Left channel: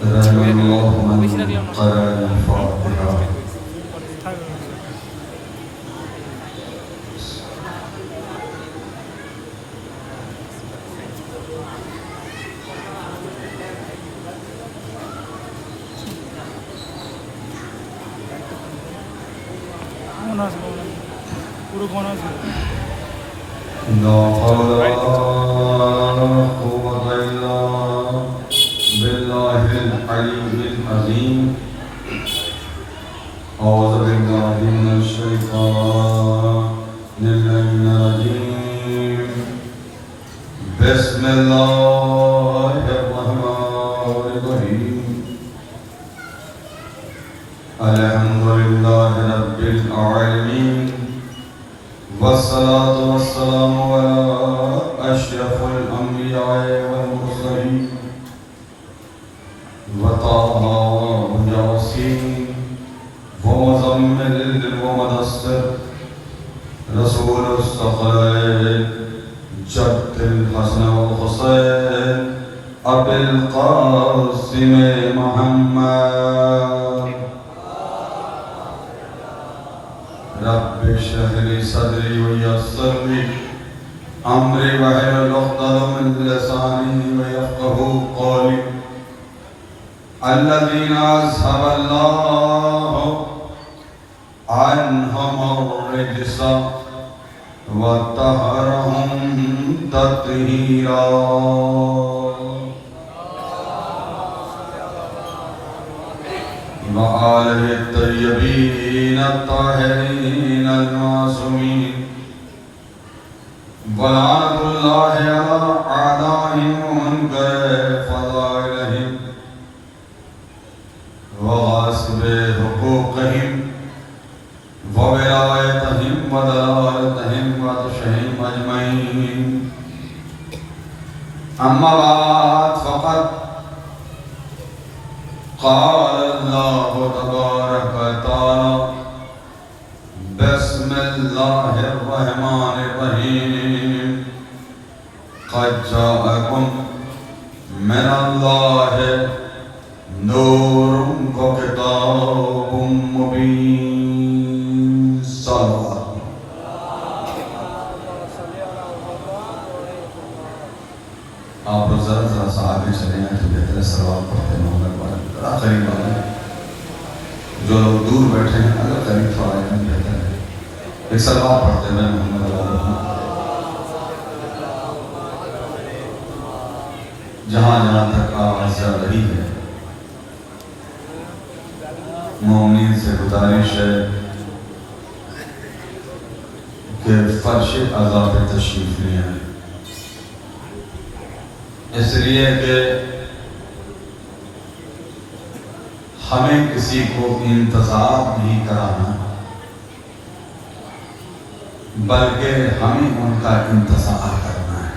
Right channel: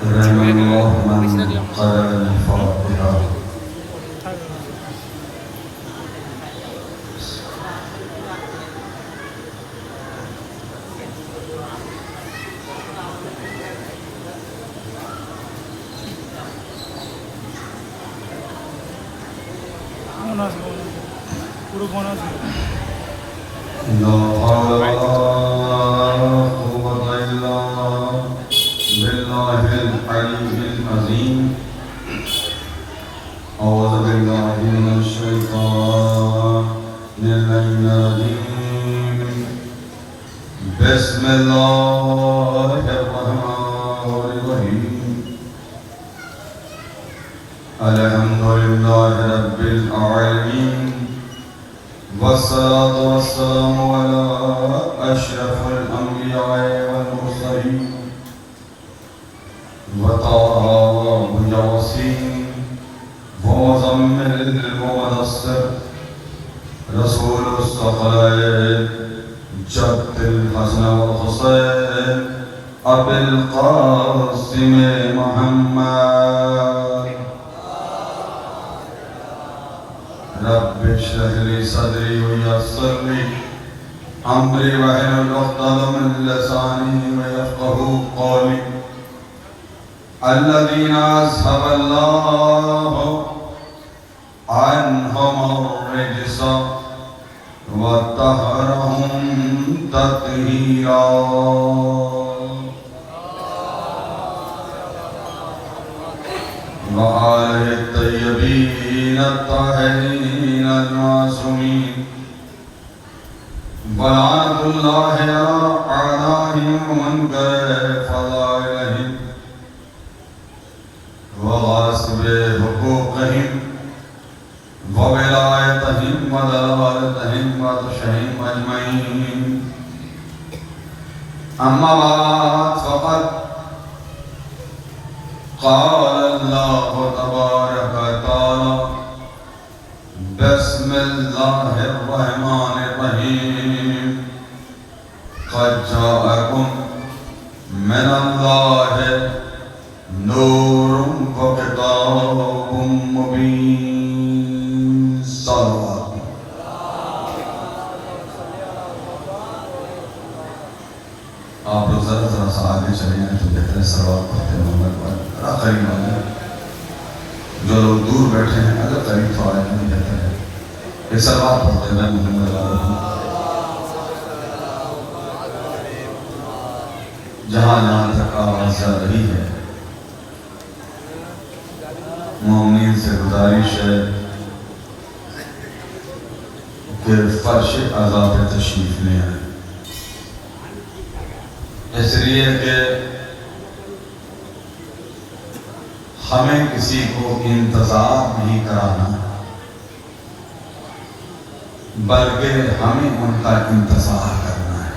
رحم الله من قرأ الفاتحة. لا حول ولا قوة إلا بالله العلي العظيم. أعوذ بالله من الشيطان الرجيم. بسم الله الرحمن الرحيم. الحمد لله رب العالمين، والصلاة والسلام على أشرف الأنبياء والمرسلين وطه وياسين ومزمل ومدثر رسول الثقلين جد الحسن والحسين أبي القاسم محمد. رب اشرح لي صدري ويسر لي امري واحلل عقدة من لساني ويفقهوا قولي. الذين اذهب الله عنهم الرجس وطهرهم تطهيرا. وآله الطيبين الطاهرين المعصومين. ولعنة الله على أعدائهم ومنكر فضائلهم وغاصب حقوقهم وولايتهم ودلالتهم وتشهيم أجمعين. أما بعد فقد قال الله تبارك وتعالى بسم الله الرحمن الرحيم. قد جاءكم من الله نور وكتاب مبين. صلوات. آپ لوگ ذرا سا آگے چلیں گے تو بہتر ہے. صلوات پڑھتے ہیں مولا کو بڑا قریب ہونا ہے. جو لوگ دور بیٹھے ہیں اگر قریب تو آئے گا بہتر ہے. ایک صلوات پڑھتے ہیں محمد علیہ وسلم. جہاں جہاں تک آواز جا رہی ہے مومنین سے گزارش ہے کہ فرش عزا پہ تشریف لے آئیں. اس لیے کہ ہمیں کسی کو انتظار نہیں کرانا بلکہ ہمیں ان کا انتظار کرنا ہے.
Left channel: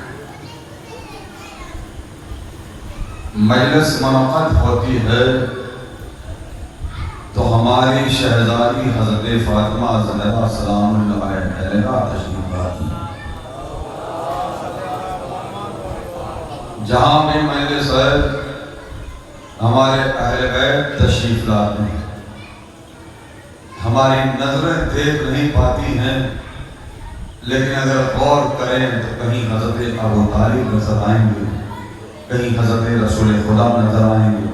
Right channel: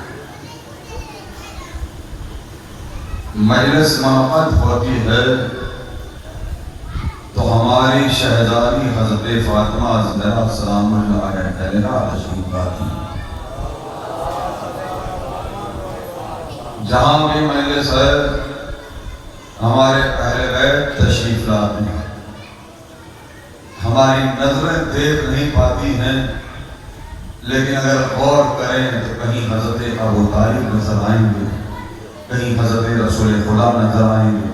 مجلس منعقد ہوتی ہے تو ہماری شہزادی حضرت فاطمہ زہرا سلام اللہ علیہا تشریف لاتی ہیں. جہاں بھی مجلس ہے ہمارے اہل بیت تشریف لاتے ہیں. ہماری نظریں دیکھ نہیں پاتی ہیں لیکن اگر غور کریں تو کہیں حضرت ابو طالب نظر آئیں گے, کہیں حضرت رسول خدا نظر آئیں گے,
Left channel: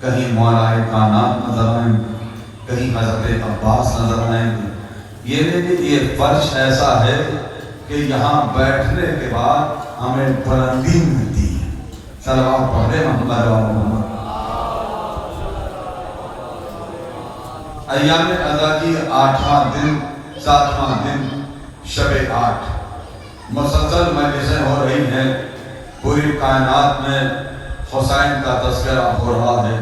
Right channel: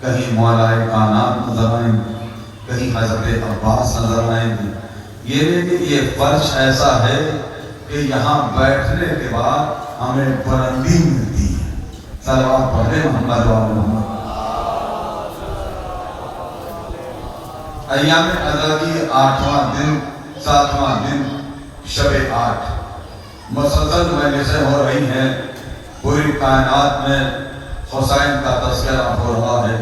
کہیں مولا کائنات نظر آئیں گے, کہیں حضرت عباس نظر آئیں گے. یہ فرش ایسا ہے کہ یہاں بیٹھنے کے بعد ہمیں بلندی ملتی ہے. صلوات پڑھے محمد علیہ محمد. ایام ادا کی 8واں دن 7واں دن شب 8 مسلسل مجلسیں ہو رہی ہیں. پوری کائنات میں حسین کا تذکرہ ہو رہا ہے,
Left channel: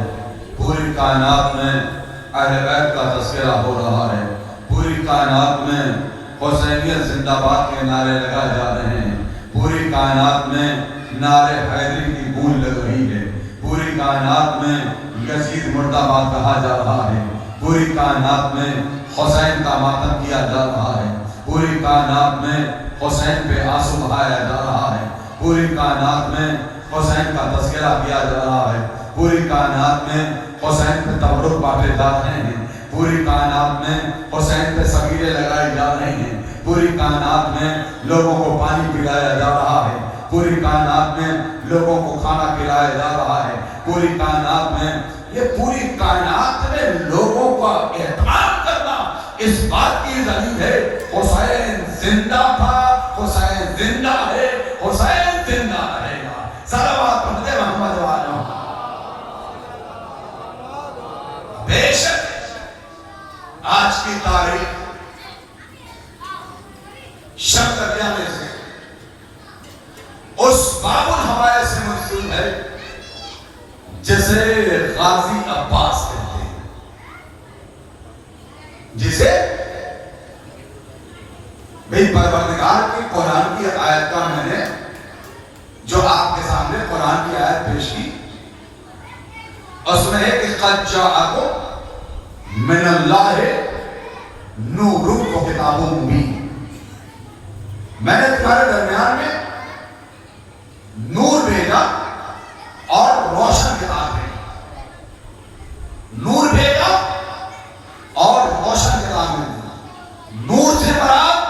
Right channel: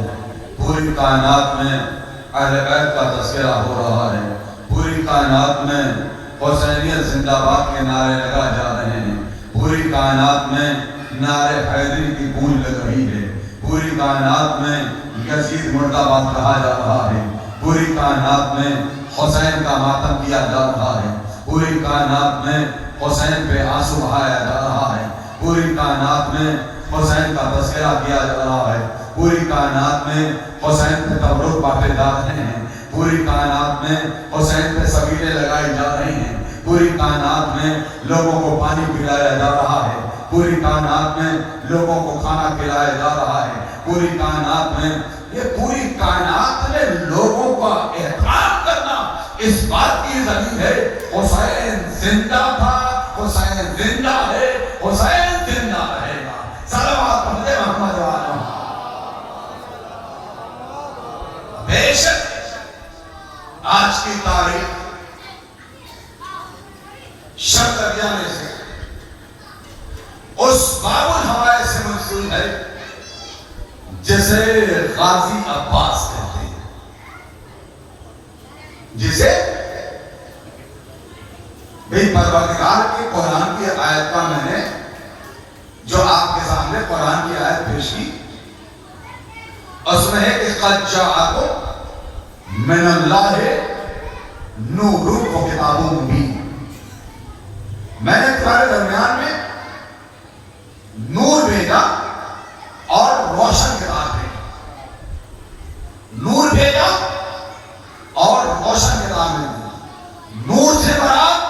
پوری کائنات میں اہل بیت کا تذکرہ ہو رہا ہے, پوری کائنات میں حسینیت زندہ باد کے نعرے لگائے جا رہے ہیں, پوری کائنات میں نعرے حیدری کی گونج لگ رہی ہے, پوری کائنات میں یزید مردہ باد کہا جا رہا ہے, پوری کائنات میں حسین کا ماتم کیا جا رہا ہے, پوری کائنات میں حسین پہ آنسو بہایا جا رہا ہے, پوری کائنات میں حسین کا تذکرہ کیا جا رہا ہے, پوری کائنات میں حسین پہ تبرک بانٹے جا رہے ہیں، پوری کائنات میں حسین پہ سبیلے لگائی جا رہی ہیں، پوری کائنات میں لوگوں کو پانی پلایا جا رہا ہے، پوری کائنات میں لوگوں کو کھانا کھلایا جا رہا ہے، پوری کائنات میں یہ پوری کائنات میں لوگوں کا احترام کرنا اس بات کی دلیل ہے حسین زندہ تھا، حسین زندہ ہے، حسین زندہ رہے گا۔ صلوات پڑھتے محمد والے۔ بے شک آج کی تاریخ شب درمیانے سے اس بابل حوالے سے منسوب ہے جسے غازی عباس کہتے ہیں، جسے بھئی پروردگار کی قرآن کی آیت کا میں نے جو آپ کے سامنے قرآن کی آیت پیش کی، اس میں ہے کہ قد جاءکم من اللہ نور و کتاب مبین، میں نے تمہارے درمیان میں نور بھیجا اور روشن کتاب بھیجی، نور بھیجا اور روشن کتاب بھیجی۔ نور سے مراد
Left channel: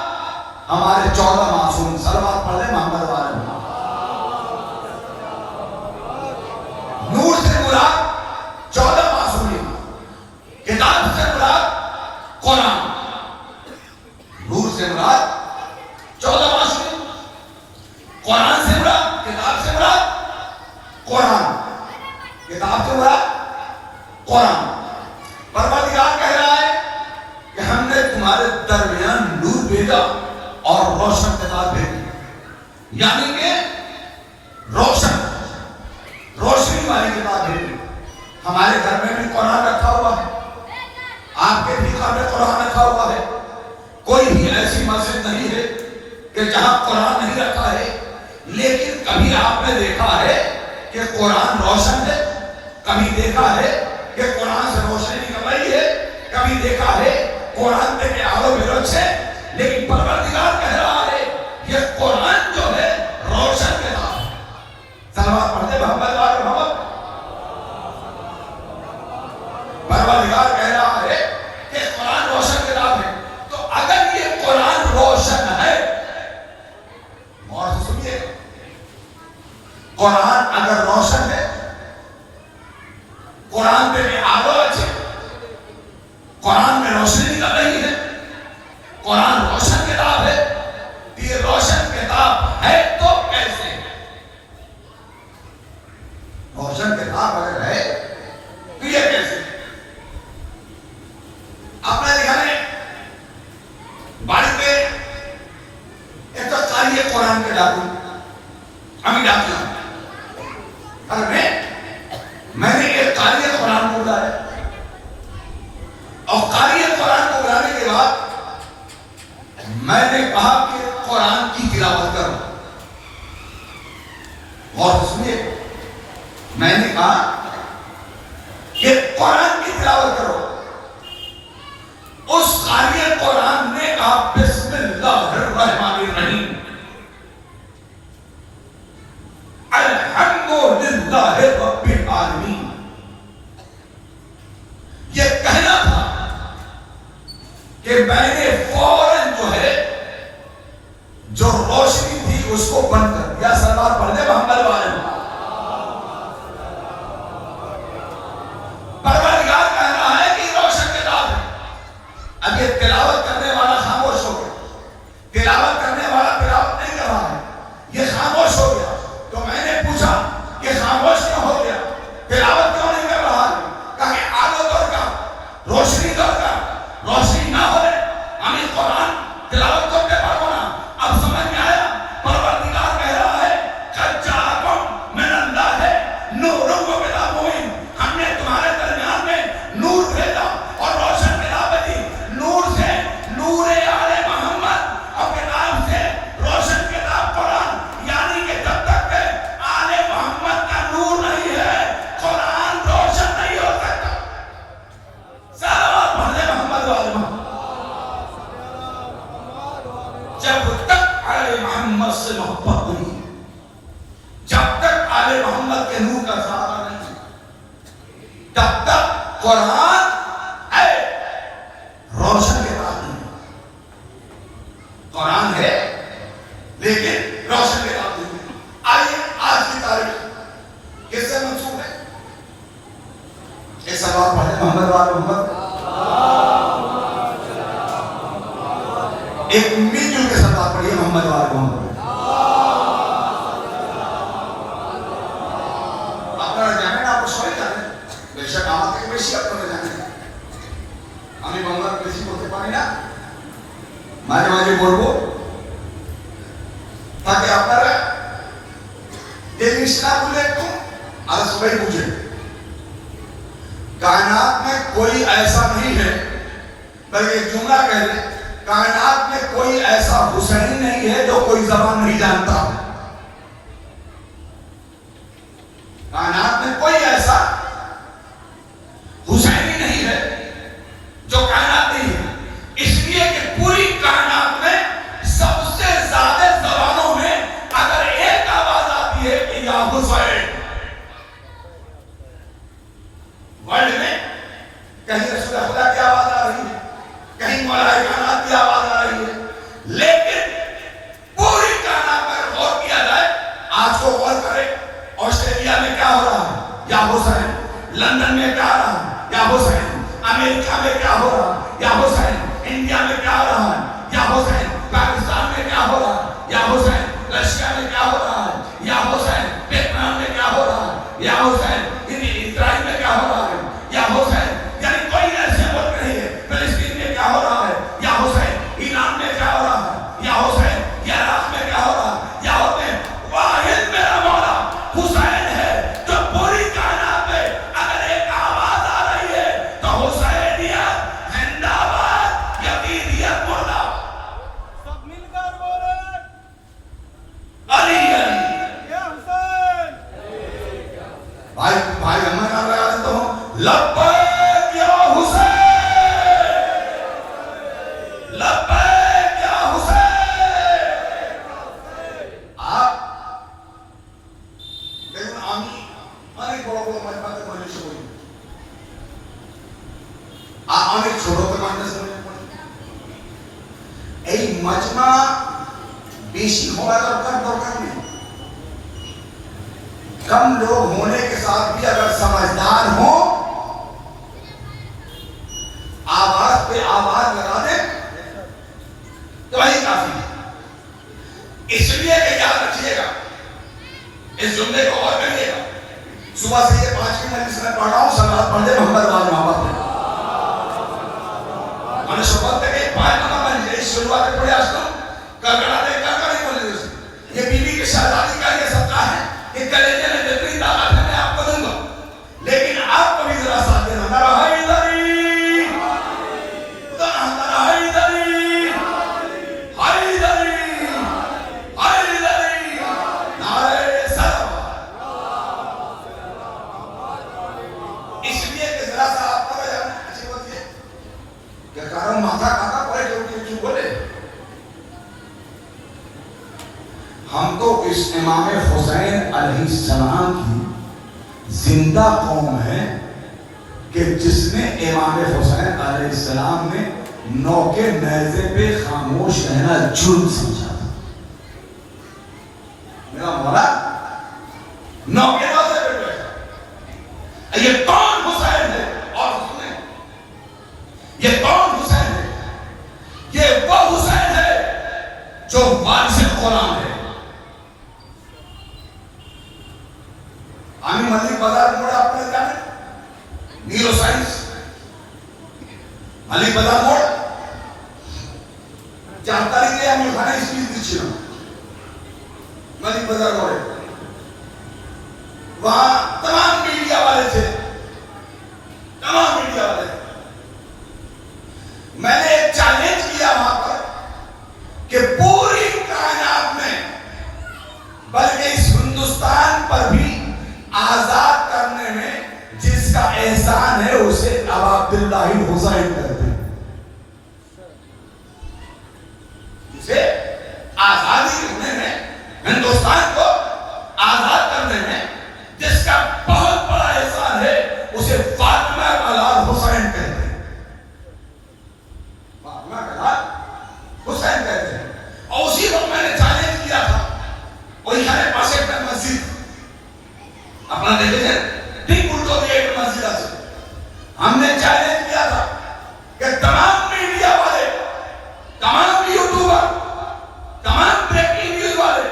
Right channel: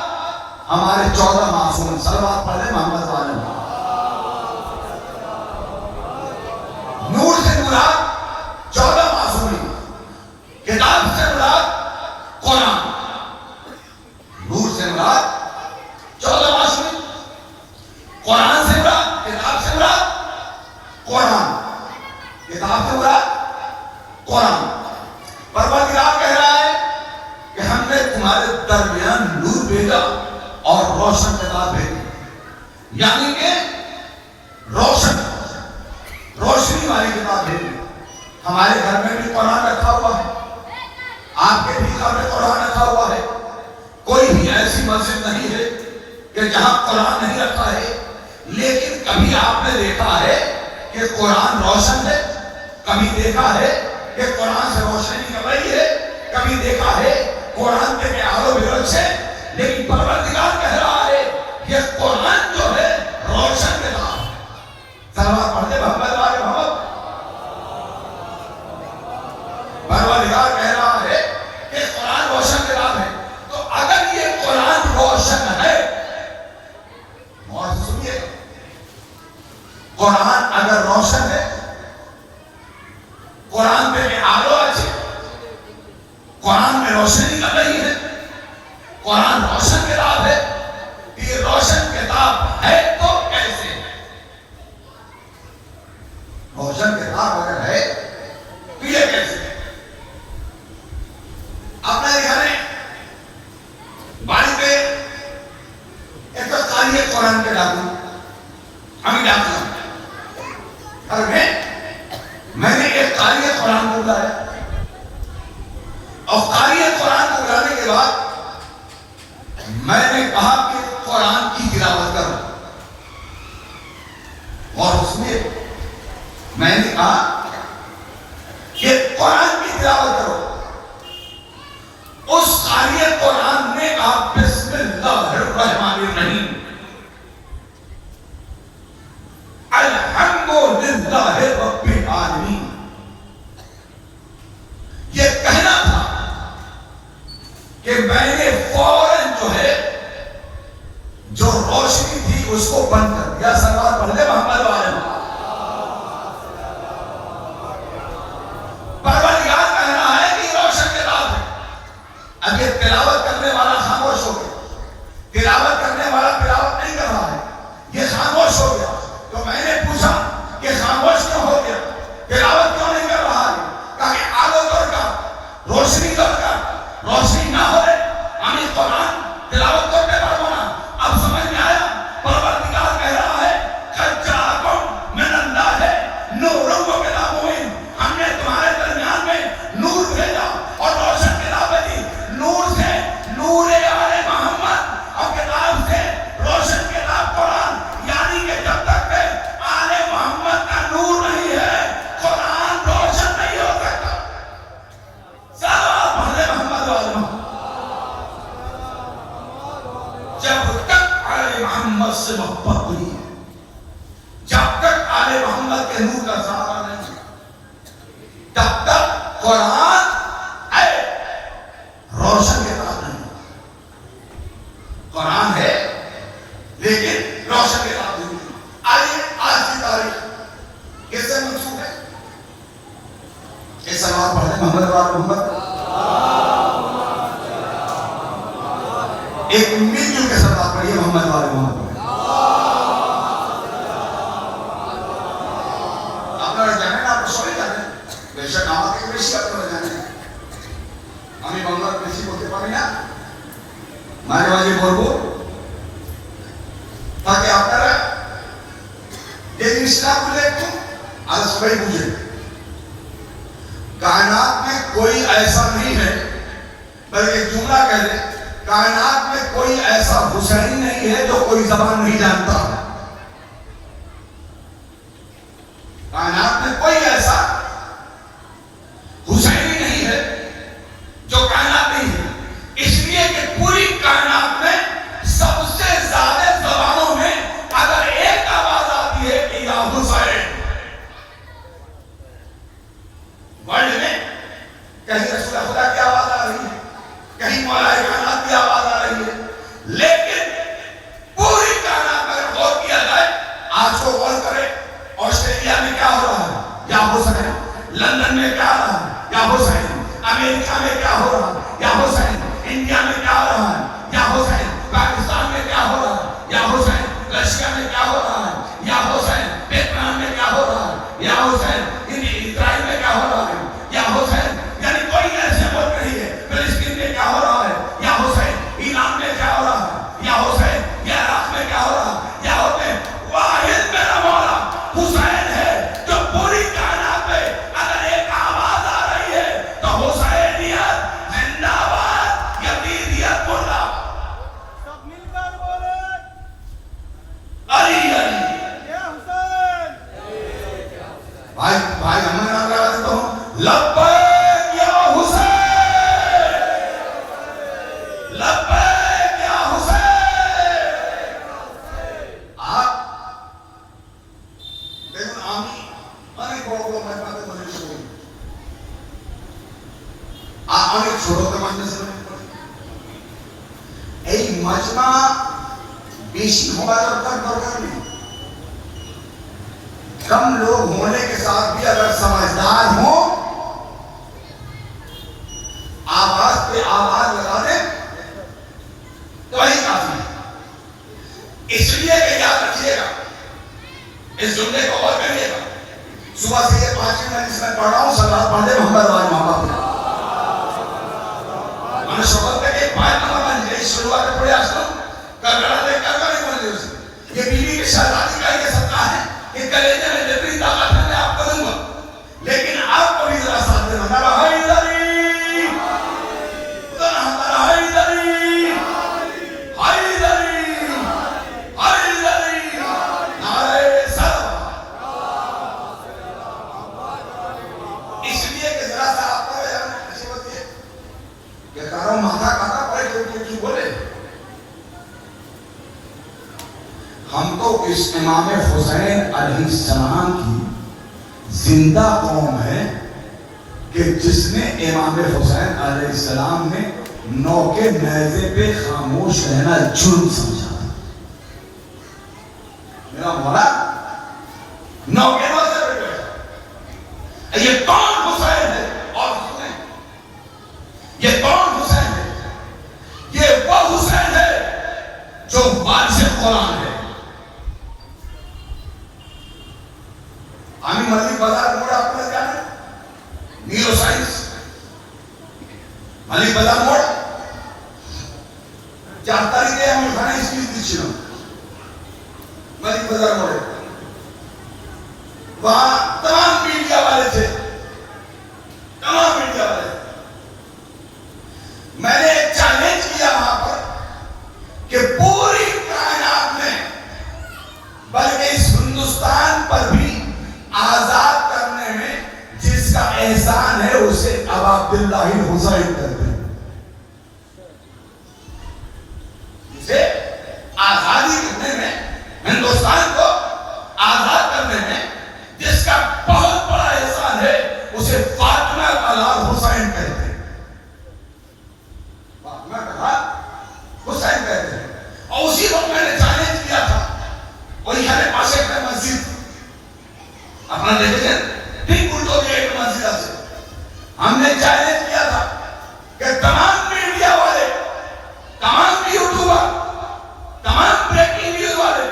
ہمارے 14 معصوم، صلوات پڑھیں محمد والے۔ نور سے مراد 14 معصومین، کتاب سے مراد قرآن، نور سے مراد 14 معصومین، قرآن سے مراد، کتاب سے مراد قرآن، کتاب سے مراد قرآن۔ پروردگار کہہ رہا ہے کہ ہم نے تمہارے درمیان نور بھیجا اور روشن کتاب بھیجی، یعنی کہ روشنی والی کتاب بھیجی۔ ہمارے گھر میں بھی قرآن رکھا ہوا ہے، آپ کے بھی گھر میں قرآن رکھا ہوا ہے، کوئی بھی ایسی مسجد نہیں ہے کہ جہاں قرآن نہیں رکھا ہے، لیکن کبھی آپ نے دیکھا ہے کہ قرآن روشن ہے، کبھی دیکھا ہے کہ قرآن سے روشنی نکل رہی ہے، کبھی دیکھا ہے قرآن پہ آلو برک سے، لیکن پروردگار کہہ رہا ہے یہ قرآن جو ہے روشن کتاب ہے۔ صلوات پڑھتے محمد والے محمد۔ پروردگار کہہ رہا ہے کہ قرآن روشن کتاب ہے، تو اگر یہ قرآن روشن ہے، اور سنیے، قرآن اگر روشن ہے، قرآن پہ آلو اچھے، قرآن میں روشنی نکل رہی ہے، قرآن روشن کتاب ہے، یہ روشن کتاب ہے تو کیسے؟ روشن کتاب اگر ہے تو یہ کیسے؟ آپ نے دیکھا ہے باری پہ ایک تو قاری قرآن پہ ڈاکو، ہمیں ڈاکو اور میں نے ایک قاری قرآن کو بلایا، اور قاری قرآن کو بلانے کے بعد میں نے کہا کہ قرآن کی تلاوت کرو، اور اس میں میں نے کہا کہ قرآن کی تلاوت کرو۔ اس قاری قرآن نے کہا بسم اللہ الرحمن الرحیم، الحمدللہ رب العالمین۔ یہ کہنا تھا کہ میں نے فوراً جو ہے جو روشنی تھی اس کو بند کر دیا۔ صلوات پڑھ دے محمد والے۔ پروردگار کہہ رہا ہے کہ روشن کتاب ہے، اب یہ تلاوت کرنے والا خاموش ہو گیا، تلاوت کرنے والا تلاوت نہیں کر رہا ہے، یہ خاموش ہو گیا، تو میں نے پوچھا کہ خاموش کیوں ہو گیا، تلاوت کیوں نہیں کر رہا ہے؟ کہا کہ آگو درکار، روشنی درکار، روشنی نہ ہوئے ہمیں قرآن تلاوت کرتے پڑھو نا۔ اب سمجھ میں آیا؟ پروردگار کہہ رہا ہے قد جاءکم من اللہ نور و کتاب مبین، ہم نے تمہارے درمیان میں نور بھیجا اور روشن کتاب دی۔ نور سے نور آل محمد اور کتاب سے روشن کتاب قرآن، یعنی کہ جب تک کہ آل محمد کا نور نہیں ہے قرآن روشن نہیں ہو سکتا۔ صلوات پڑھے محمد والے۔ جب تک آل محمد سے محبت ہوئی، جب تک آل محمد کے نور کا سہارا محمد وال محمد. ایک مل جل کے ساتھ آپ پڑھیے محمد وال محمد. آپ نے جانے نا آپ کو سوئی جانے بے شک آمد کے بیشی آپ نے جانے ہمیں محمد بیشی بولتے پانی نا مانے والی بولو تاکہ آپ نے رہا دیکھ اسلام کو لے تو آج صبح پوچھے کائنات میں کوئی ایسا نہیں ہے بلکہ ایک جملہ کہہ دیں کائنات میں کوئی ایسا حسین نہیں ہے جو کوئی زبان نہیں جانتا. کائنات میں کوئی ایسا حسینی نہیں ہے جو کائنات نہیں ہے اس لیے کہ پوری کائنات میں سب سے زیادہ زبانوں میں اگر ایک آواز آتی ہے کہ یا حسین ورلڈ میں کہیں رسول خدا کی آواز آ رہی ہے کہیں ملائکہ کائنات کی آواز آ رہی ہے لیکن پوری کائنات میں غور کیا جائے آج کو غور کرے آسٹریلیا میں کیا ہو رہا ہے یا حسین لندن میں کیا ہو رہا ہے یا حسین امریکہ میں کیا ہو رہا ہے یا حسین انڈیا میں کیا ہو رہا ہے یا حسین پاکستان میں کیا ہو رہا ہے یا حسین رشیا میں کیا ہو رہا ہے یا حسین ویتنام میں کیا ہو رہا ہے یا حسین اسرائیل میں کیا ہو رہا ہے یا حسین یعنی کوئی ایسے ملک نہیں ہے فلسطین میں کیا ہو رہا ہے یا حسین ایران میں کیا ہو رہا ہے یا حسین یا عراق میں کیا ہو رہا ہے یا حسین واحد میرا مولا حسین ہے جو پوری کائنات میں اگر ایک آواز آ رہی ہے تو حسینیت زندہ باد یزیدیت مولا سب مل کر بولے علی علی یا حسین. بھائی ہمارا نام تو لبیک یا حسین لبیک یا حسین. آپ لیکن آمی مانے کو میں بات کرنے سے ہوئی آپ مانے چھوڑو کے ماننے سے ای مجمع بیشی ہوگا تو کم درکار نہیں کم لوگ ہونے کے ساتھ بھی اگر سمجھدار ہوں آواز پہ آواز لگا دیں تو وہی کافی ہے. اس لیے کہ یاد رکھیے گا اس جملے کو اور کریے گا صبح سے یہ 5 منٹ جس میں پڑھ رہا ہوں سلام پڑھے محمد وال محمد پہ میں نے شوقت ہے کہ 5 نمبر میں اس شروعات پڑھے آج تو کرنا دے کرنا نہیں بولے اسے یہ بیوی کے شہزادی کا یہ سطح ہے کہ کلیجے میں جتنی طاقت ہے میں آپ کروں گا لیکن آپ کو بھی ذرا ساتھ دینا نعرہ حیدری نعرہ حیدری حیدری حیدری نعرہ سلام. اس لیے کہ ذرا سا آپ کا اچھی بات یہ کہ کاروں ماتھا کھاتا پڑے کہ اٹھی بولے ہم تو اس امام حسین علیہ السلام کی زندہ قوم ہے کہ جس نے امام حسین علیہ السلام نے نوکے نیزے پہ خاموش رہنا جرم سمجھا تھا. میرا مولا نوکے نیزے پہ بیٹھا یہ کون حسین ہے اور سنیں یہ کون حسین ہے یہ وہ حسین ہے جو وارث قرآن ہے. آمی ملک بازار موڑ آپ نے جانے نیورو سائنس ملک بازار موڑ جانکاری دے ہمیں کھانا اس چیز دیچھنا ملک بازار موڑ وہاں تمام میڈیا والے تھے تمام میڈیا والے تھے. میں نے ایک چیلنج کیا وہاں پر کہ پوری کائنات میں بلکہ اس ہندوستان پر بھی آزاد کرنے میں جس کا احسان ہے اسے ابا عبداللہ حسین کہتے ہیں. جسے آزادی کرنے میں ہندوستان کو آزاد کرنے میں جس کا بہت بڑا احسان ہے اسے فاطمہ کا حسین کہتے ہیں. فاطمہ کا حسین کہتے ہیں. اور اسی وقت میں نے چیلنج کیا تھا وہی ہمارے پاس ایک مسجد اپنا دیکھیں ٹھیک الٹو بھی ایک مسجد ہے ہم نے چیلنج کیا تھا کہ تمام میڈیا والے، تمام یوٹیوبر، تمام بریکنگ نیوز والے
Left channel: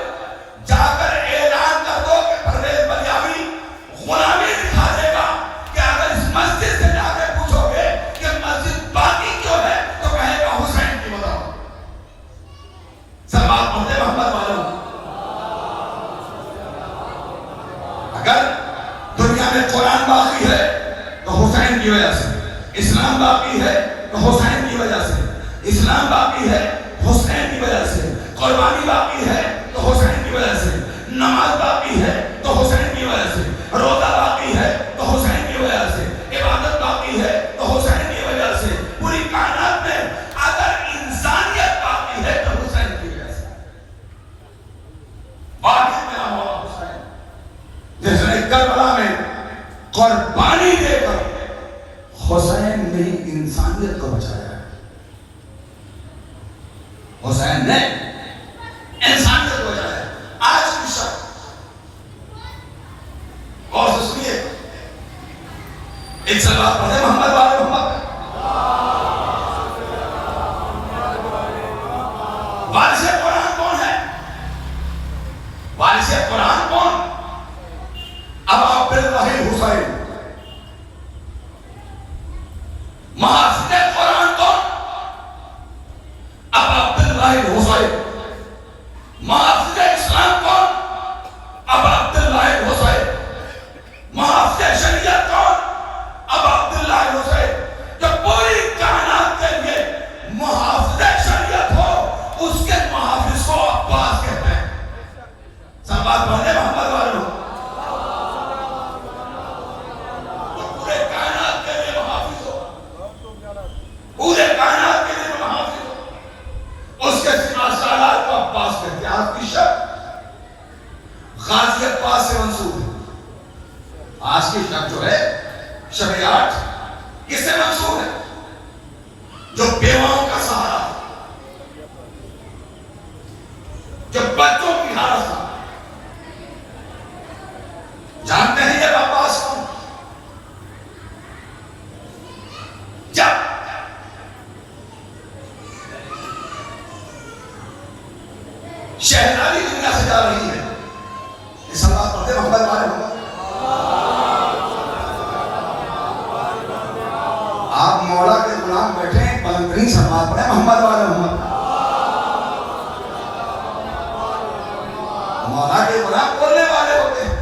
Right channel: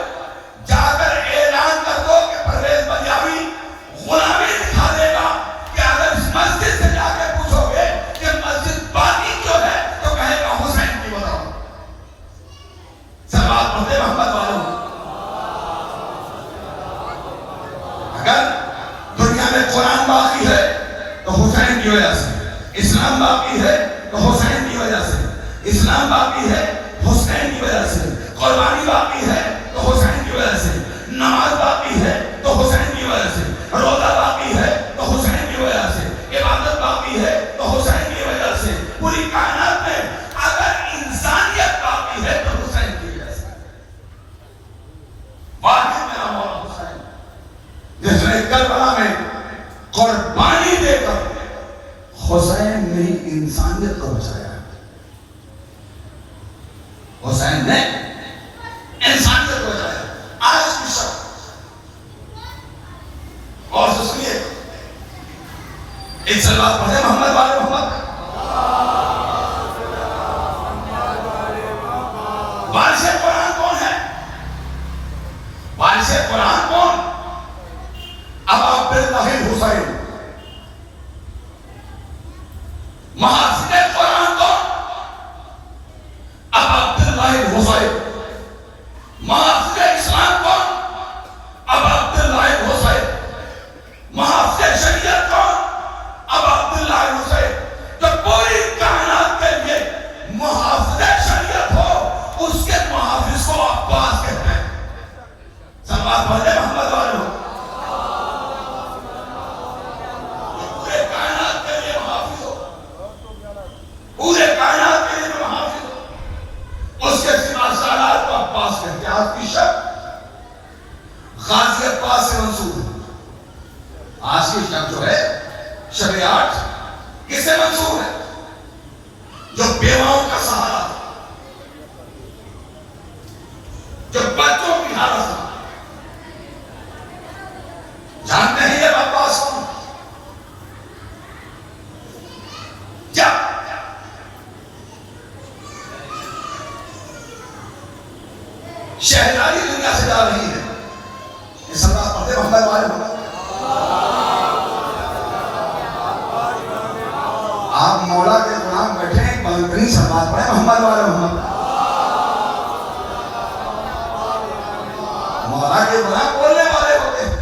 جا کر اعلان کر دو کہ پرویز بلیاوی غلامی دکھا دے گا، کہ اگر اس مسجد سے جا کے پوچھو گے کہ مسجد باقی کیوں ہے تو کہے گا حسین کی وجہ۔ سلوات پڑھتے محمد والوں۔ اگر دنیا میں قرآن باقی ہے تو حسین کی وجہ سے، اسلام باقی ہے تو حسین کی وجہ سے، اسلام باقی ہے حسین کی وجہ سے، قربانی باقی ہے تو حسین کی وجہ سے، نماز باقی ہے تو حسین کی وجہ سے، روزہ باقی ہے تو حسین کی وجہ سے، عبادت باقی ہے تو حسین کی وجہ سے، پوری کائنات میں اگر انسانیت باقی ہے تو حسین کی وجہ سے۔ واقعی میرا مولا حسین جس نے کربلا میں قربانی دے کر حسین نے انسانیت کو بچایا، حسین نے انسانیت کو بچایا آج کی شب۔ اور اس لیے ایک سلوات پڑھے محمد والے محمد۔ وارث قرآن کون ہے؟ وارث قرآن کون؟ ابا عبداللہ الحسین۔ محافظ قرآن کون؟ ابا عبداللہ الحسین۔ محافظ اسلام کون؟ ابا عبداللہ الحسین۔ محافظ شریعت کون؟ ابا عبداللہ الحسین۔ جو پوری کائنات کے لیے محافظ شریعت ہو اس کے محافظ کو عباس کہتے ہیں۔ سلوات پڑھتے محمد والوں۔ پورے کائنات کے لیے محافظ ہو، پورے کائنات کے لیے محافظ ہو، اس کے سوا سالات کو عباس کہتے ہیں۔ آپ کی شب غازی عباس سے منسوب ہے۔ آج کی شب جو ہے شب 8 کس سے منسوب ہے؟ جو بیواؤں کا سہارا، جو بچوں کی حالت ہے۔ جانتے ہیں یہ عباس کون؟ جب شہزادی دنیا سے جا رہی ہے، یہ سلوات پڑھتے محمد والے محمد۔ آپ مولا کے غلام بیٹھے ہیں، بلندرین سلوات پڑھے محمد والے محمد۔ مولا کے غلام بولنے والے ہوتے ہیں،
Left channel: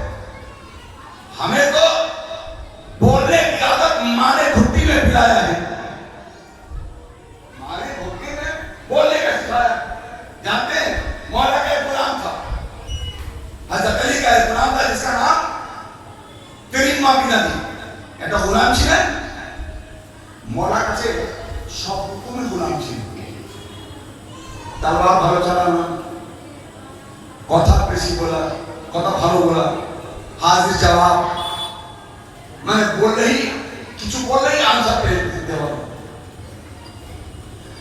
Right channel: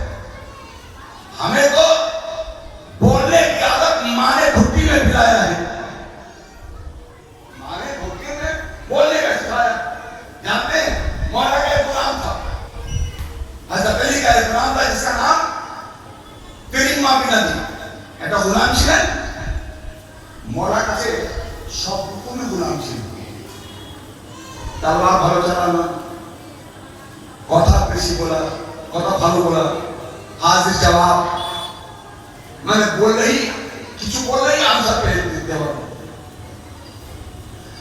ہمیں تو بولنے کی عادت ماں نے گھٹی میں پلایا ہے، ماں نے گھٹی میں بولنے کا سکھایا۔ جانتے ہیں مولا کا ایک غلام تھا، حضرت علی کا ایک غلام تھا جس کا نام کریمہ بن ابی، এটা غلام ছিলেন মোলার কাছে সব রকমের গোলাম ছিল। তলোয়ার ভালো চালানো, কথা বেশি বলা, কথা ভালো বলা, হাজির জবাব, মানে বললেই কিছু বললেই আনসার পেয়ে দিতে হবে।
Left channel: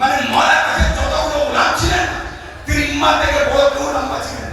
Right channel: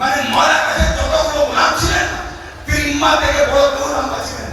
মানে মৌলা কাছে যতগুলো গুলাম ছিলেন করিমা থেকে বড় লম্বা ছিলেন।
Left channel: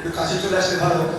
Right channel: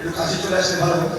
একটু কাছে চলে আসলে ভালো হতো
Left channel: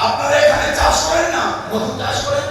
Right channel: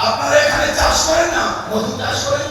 আপনারা এখানে চাষ করেন না মধু চাষ করেন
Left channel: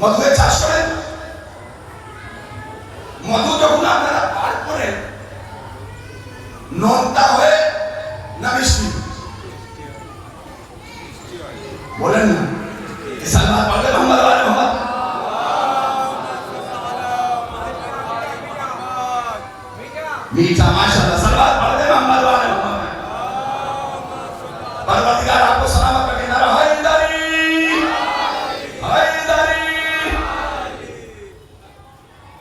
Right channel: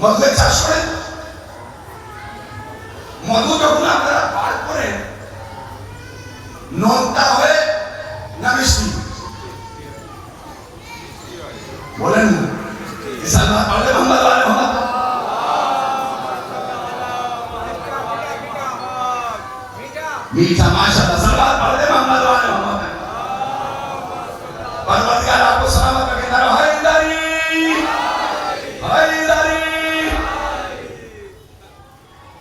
মধু চাষ করেন মধু যখন আপনারা نونتا ہوئے نہ مشتی بولیں نا اس اللہ پڑھے محمد والے محمد میٹھا ماشاءاللہ صلوات پڑھے محمد والے محمد پروردگار آپ کو سلامت رکھے نہ رہا حیدری حیدری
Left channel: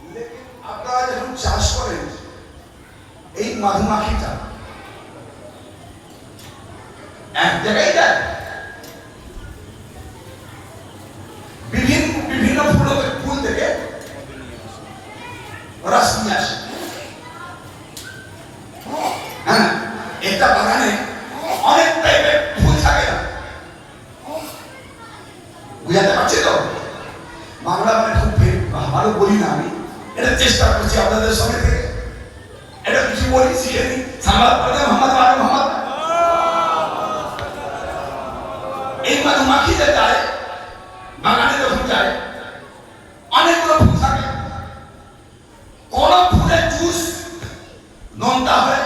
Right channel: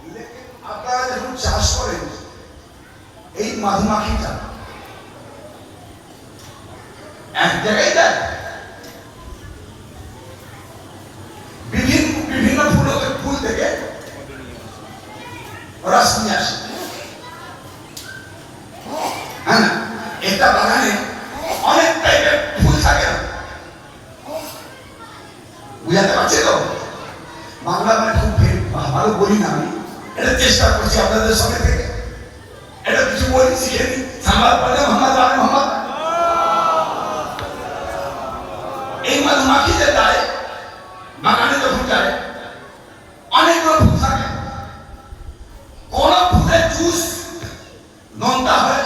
لیکن আপনারা যখন চাষ করেন এই মধুমাখিটা এক জায়গায় দেয় বিভিন্ন ফুল থেকে রস নিয়ে আসে হ্যাঁ একটা বাগানে অনেক টাইপের ফুল থাকে না বুঝাতে পারছি তো বাংলা মানে খুব ভালো বলি না আমি এটা চেষ্টা করছি আপনাদের সামনে থেকে এটা কিছু বলি শিখে নি সালাত পড়ে মোহাম্মদ আলী মোহাম্মদ এই মধুমাখিতে যায় বাগানে যখন যায় অনেকগুলো ফুল থাকে কোন ফুলের জুস নোনতা হয়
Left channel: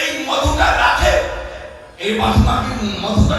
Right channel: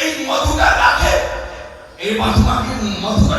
এই মধুটা রাখে এই মধুটা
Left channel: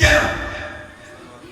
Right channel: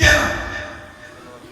কেন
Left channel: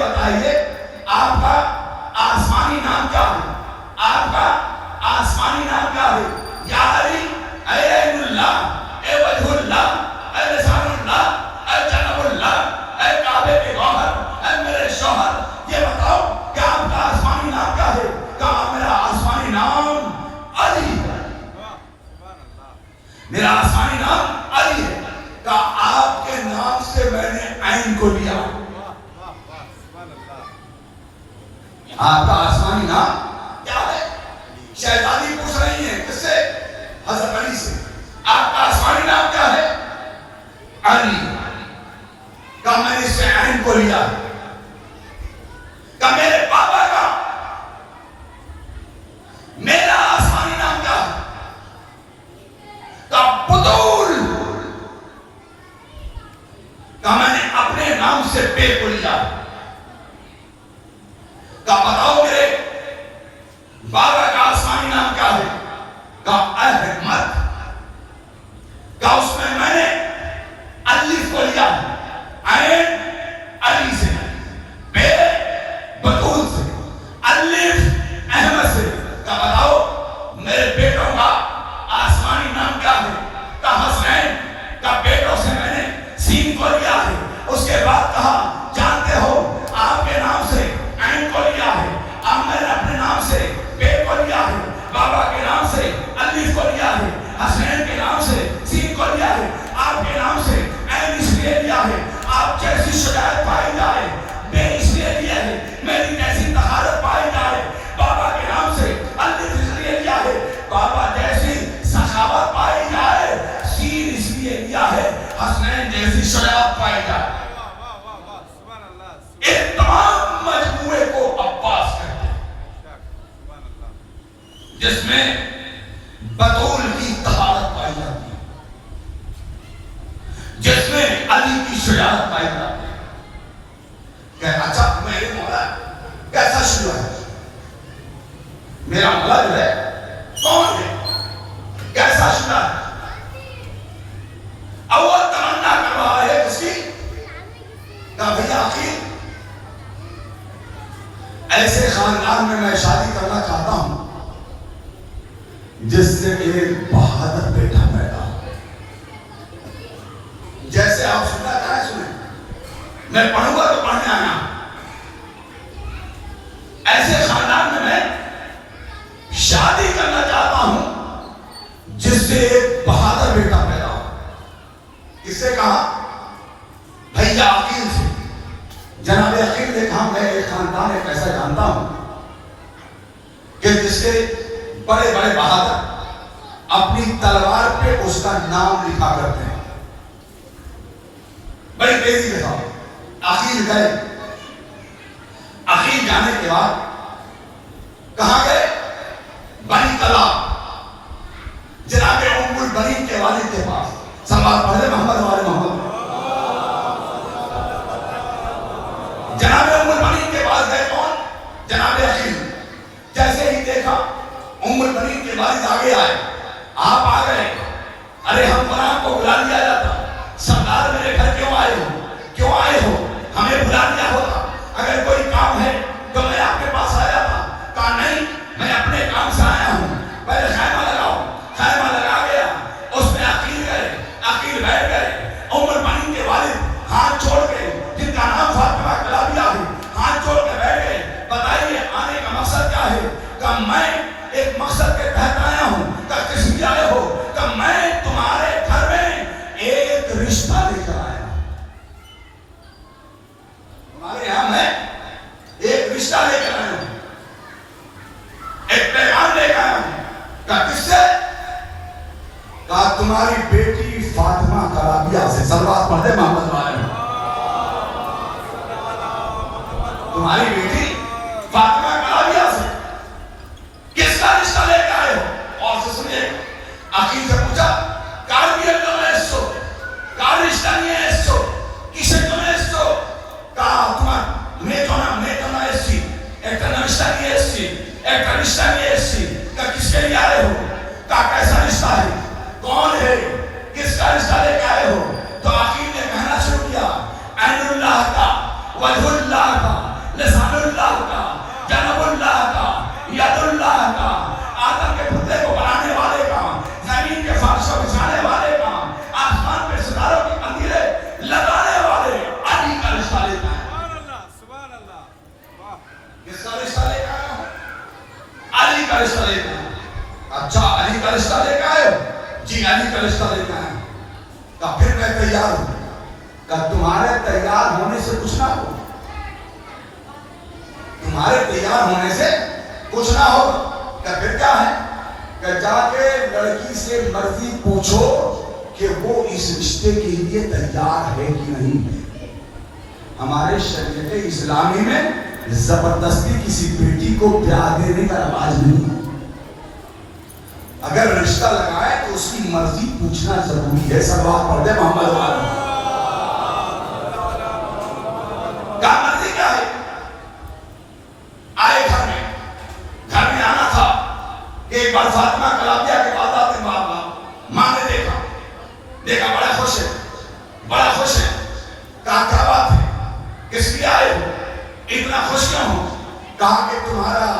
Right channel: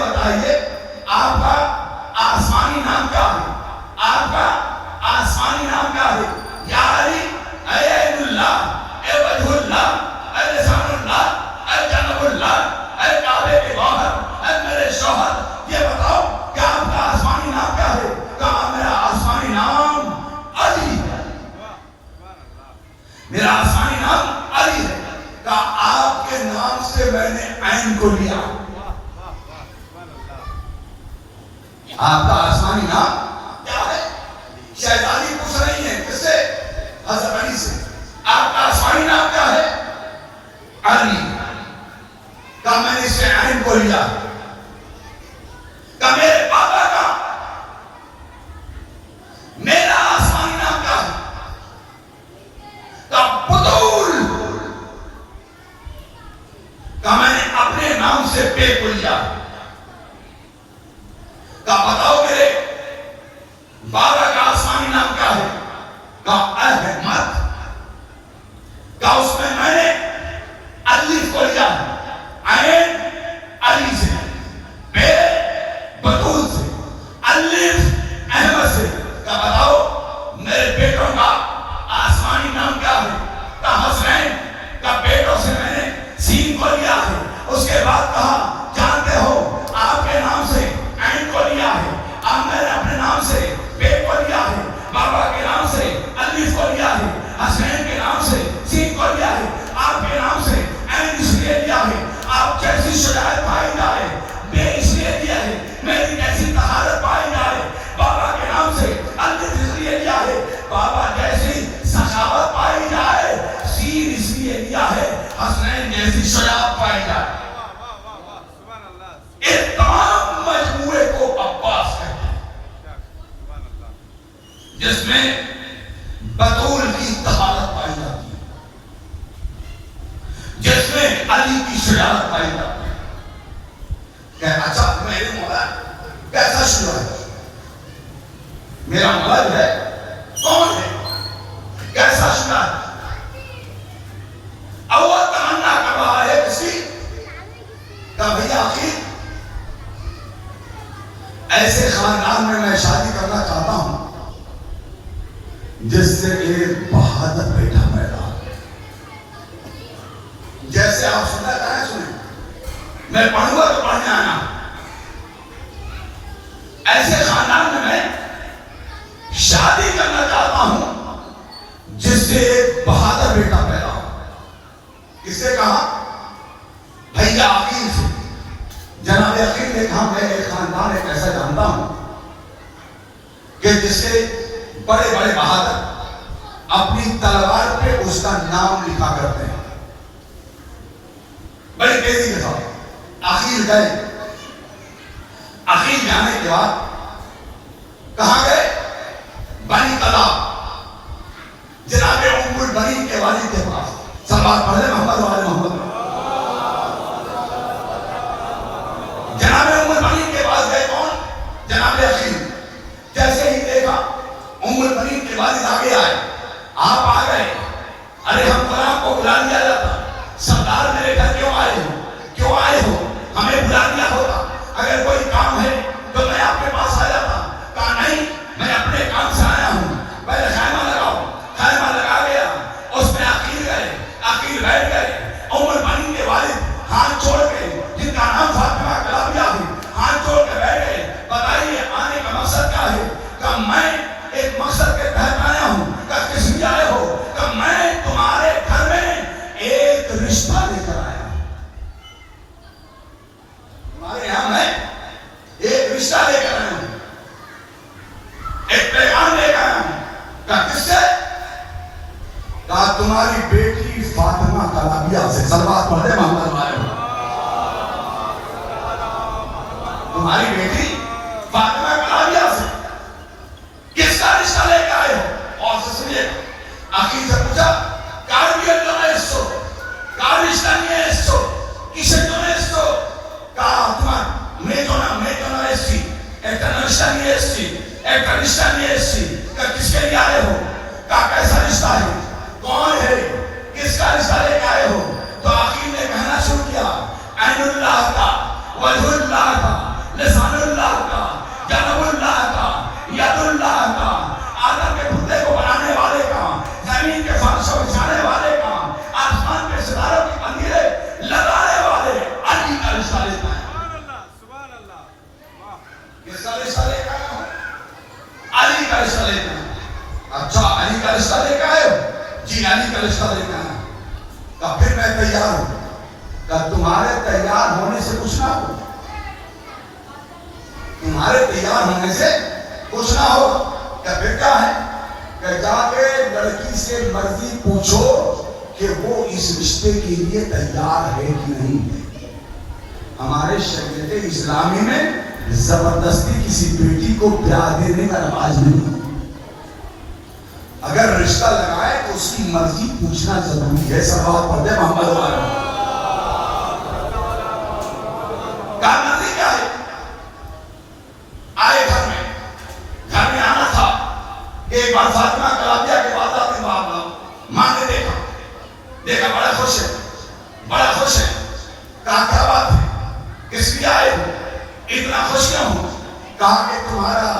یہ بتائیے آپ کا آسمانی نام کیا ہے؟ آپ کا آسمانی نام کیا ہے؟ یا علی، اے عین اللہ، اے وجہ اللہ، اے لسان اللہ، اے جنب اللہ، اے کعبے کے گوہر، اے میرے شوہر، یہ بتاؤ کہ آپ کا آسمانی نام کیا ہے؟ کہا میرا آسمانی نام علی ہے، میرا آسمانی نام علی ہے۔ کہا آپ کے نام سے میں نے عین کو لیا۔ آپ کا آسمانی نام کیا ہے؟ شہزادی پوچھ رہی ہیں کس سے؟ حضرت علی سے۔ آپ کا آسمانی نام کیا ہے؟ علی۔ کہا میں نے اس سے عین کو لیا۔ کہا میرے پاپا کا میرا آسمانی نام کیا ہے؟ کہا بطول۔ کہا میں نے اپنے نام سے بے کو لیا۔ کہا بتاؤ میرے بابا کا آسمانی نام کیا ہے؟ کہا احمد۔ کہا اس میں نے الف کو لیا، عین علی سے، بے بطول سے، الف احمد سے۔ کہا بتاؤ میرے بیٹوں کا آسمانی نام کیا ہے؟ کہا حسین۔ کہا بیٹوں سے میں نے سین کو لیا ہے۔ اس کے بعد کہا جانتے ہو آپ کے نام سے عین کو لیا ہے، اب میں نے اپنے نام سے بے کو لیا ہے، بابا کے نام سے الف کو لیا ہے، حسین کے نام سے سین کو لیا ہے، آپ کے نام سے عین اس لیے لیا ہے آپ جیسی شجاعت پائی جائے، بے اس لیے لیا ہے میری جیسی طہارت پائی جائے، بابا کے نام سے الف اس لیے لیا ہے بابا جیسی سخاوت پائی جائے، سین اس لیے لیا ہے حسین جیسی شجاعت پائی جائے۔ ایک تمام مجموعے کو عباس کہتے ہیں، جس میں بطول کی طہارت پائی جاتی ہے، جس میں علی کی شجاعت پائی جاتی ہے۔ کہ اچھا میرے مولا کیسا شروع ہے؟ میرا مولا جو ہے کون ہے؟ کیسا شروع ہے؟ اول تمنا کر رہا ہے کسی کا بھیا عقیل ایسے خاندان میں شادی کرنا چاہتا ہوں جس سے ایک بہادر بیٹا پیدا ہو۔ جیسے آپ سننا چاہیں سنیں، میں پڑھوں گا تو پڑھنے آنا۔ ایسے خاندان میں شادی کرنا چاہتا ہوں جس سے ایک بہادر بیٹا پیدا ہو۔ کس سے کہا؟ بھیا عقیل سے۔ جناب عقیل نے کہا میں ایک خاندان ایک ایسا جانتا ہوں کہ جس کے بڑے بڑے بہادر اپنی تلوار پہ اس کا نام لکھا کرتے ہیں۔ بڑی تیزی کے ساتھ عقیل گئے۔ عقیل جانے کے بعد کہاں گئے؟ بنی کلاب، جناب ام البنین کے والد کے پاس۔ سلوات پڑھے محمد والے محمد۔ جناب ام البنین کے پاس گئے کون؟ جناب عقیل۔ جیسے ہی دیکھا ام البنین کے والد آگے آئے، آپ آ گئے، ارے ہم جناب کو بلا لیا جاتا، سردار میرے گھر کیوں آئے ہو؟ کیوں آئے ہو؟ ہمیں بلا دیا ہوتا، اگر کوئی کام ہے تو میں آپ کے پاس آ جاتا۔ کہا نہیں، میں اپنے کام سے آیا ہوں، پہلے خیمہ لگاؤ۔ خیمہ لگا گیا، اس میں عقیل گئے، عقیل بیٹھ گئے۔ ام البنین کے والد ہاتھ چھوڑ کے، جن کا نام فاطمہ کلابیہ ہے، ہاتھ چھوڑ کے بیٹھ گئے۔ بتائیے آنے کا مقصد کیا ہے؟ کہ میں ایک مقصد کے تحت آیا ہوں۔ کہ کس لیے آئے ہو؟ کہ میں تمہارے گھر میں ایک رشتہ لے کر آیا ہوں، تمہارے یہاں میں ایک رشتہ لے کر آیا ہوں، ایک پیغام لے کر آیا ہوں۔ کہ کس سے؟ کہا تمہاری بیٹی فاطمہ کلابیہ سے۔ صلوات پڑھے محمد والے۔ تمہاری بیٹی فاطمہ کلابیہ سے کس کا رشتہ لے کر آئے ہو؟ اور سے سنیے، عقیل سے پوچھا کاربیت تو ہے اس کو، کار رشتہ نہیں ہے اس کو، کسے تو ہے اس کو؟ کہا تمہارا میں جو نا اس کی ایک رشتہ نہیں ہے اس کی، ایک رشتہ نہیں ہے اس کی۔ کہ کس کے لیے آئے ہو؟ کہا کیسا رشتہ ہے؟ کون ہے؟ کس کا رشتہ لے کے آئے ہو؟ تو عقیل نے کہنا شروع کیا عین اللہ کا، وجہ اللہ کا، کس کا رشتہ لے کے آیا ہو؟ علی کا رشتہ لے کے آیا ہو۔ اچھا علی کا رشتہ لے کے آئے ہو؟ جی علی کا رشتہ لے کے آیا ہوں۔ کہا پھر میں تیار ہوں۔ کہا تمہارے تیار ہونے سے کچھ نہ ہو، تمہارے تیار ہونے سے کچھ نہ ہو۔ کہا پھر کیا ہے؟ کہ جا کے لڑکی سے مرضی پوچھو کہ وہ اس رشتے کے لیے تیار ہے کہ نہیں ہے۔ ہمارے شریعت اسلامی میں زبردستی کسی بیٹی کو بیاہ دینے کا رواج نہیں۔ اگر رشتہ لگائے تو اس کی مرضی پوچھنا ضروری ہے۔ سب آپ پڑھتے ہیں محمد کیا مرضی کیا ہے؟ آئے گھر میں آنا تھا کہ ایک بار فاطمہ کلابیہ کے بعد آتے ماں نے دیکھا بڑا خوش ہے۔ کہا کیا بات ہے، کس لیے آئے ہو، اتنا خوش کیوں ہو؟ کہا کہ تمہارا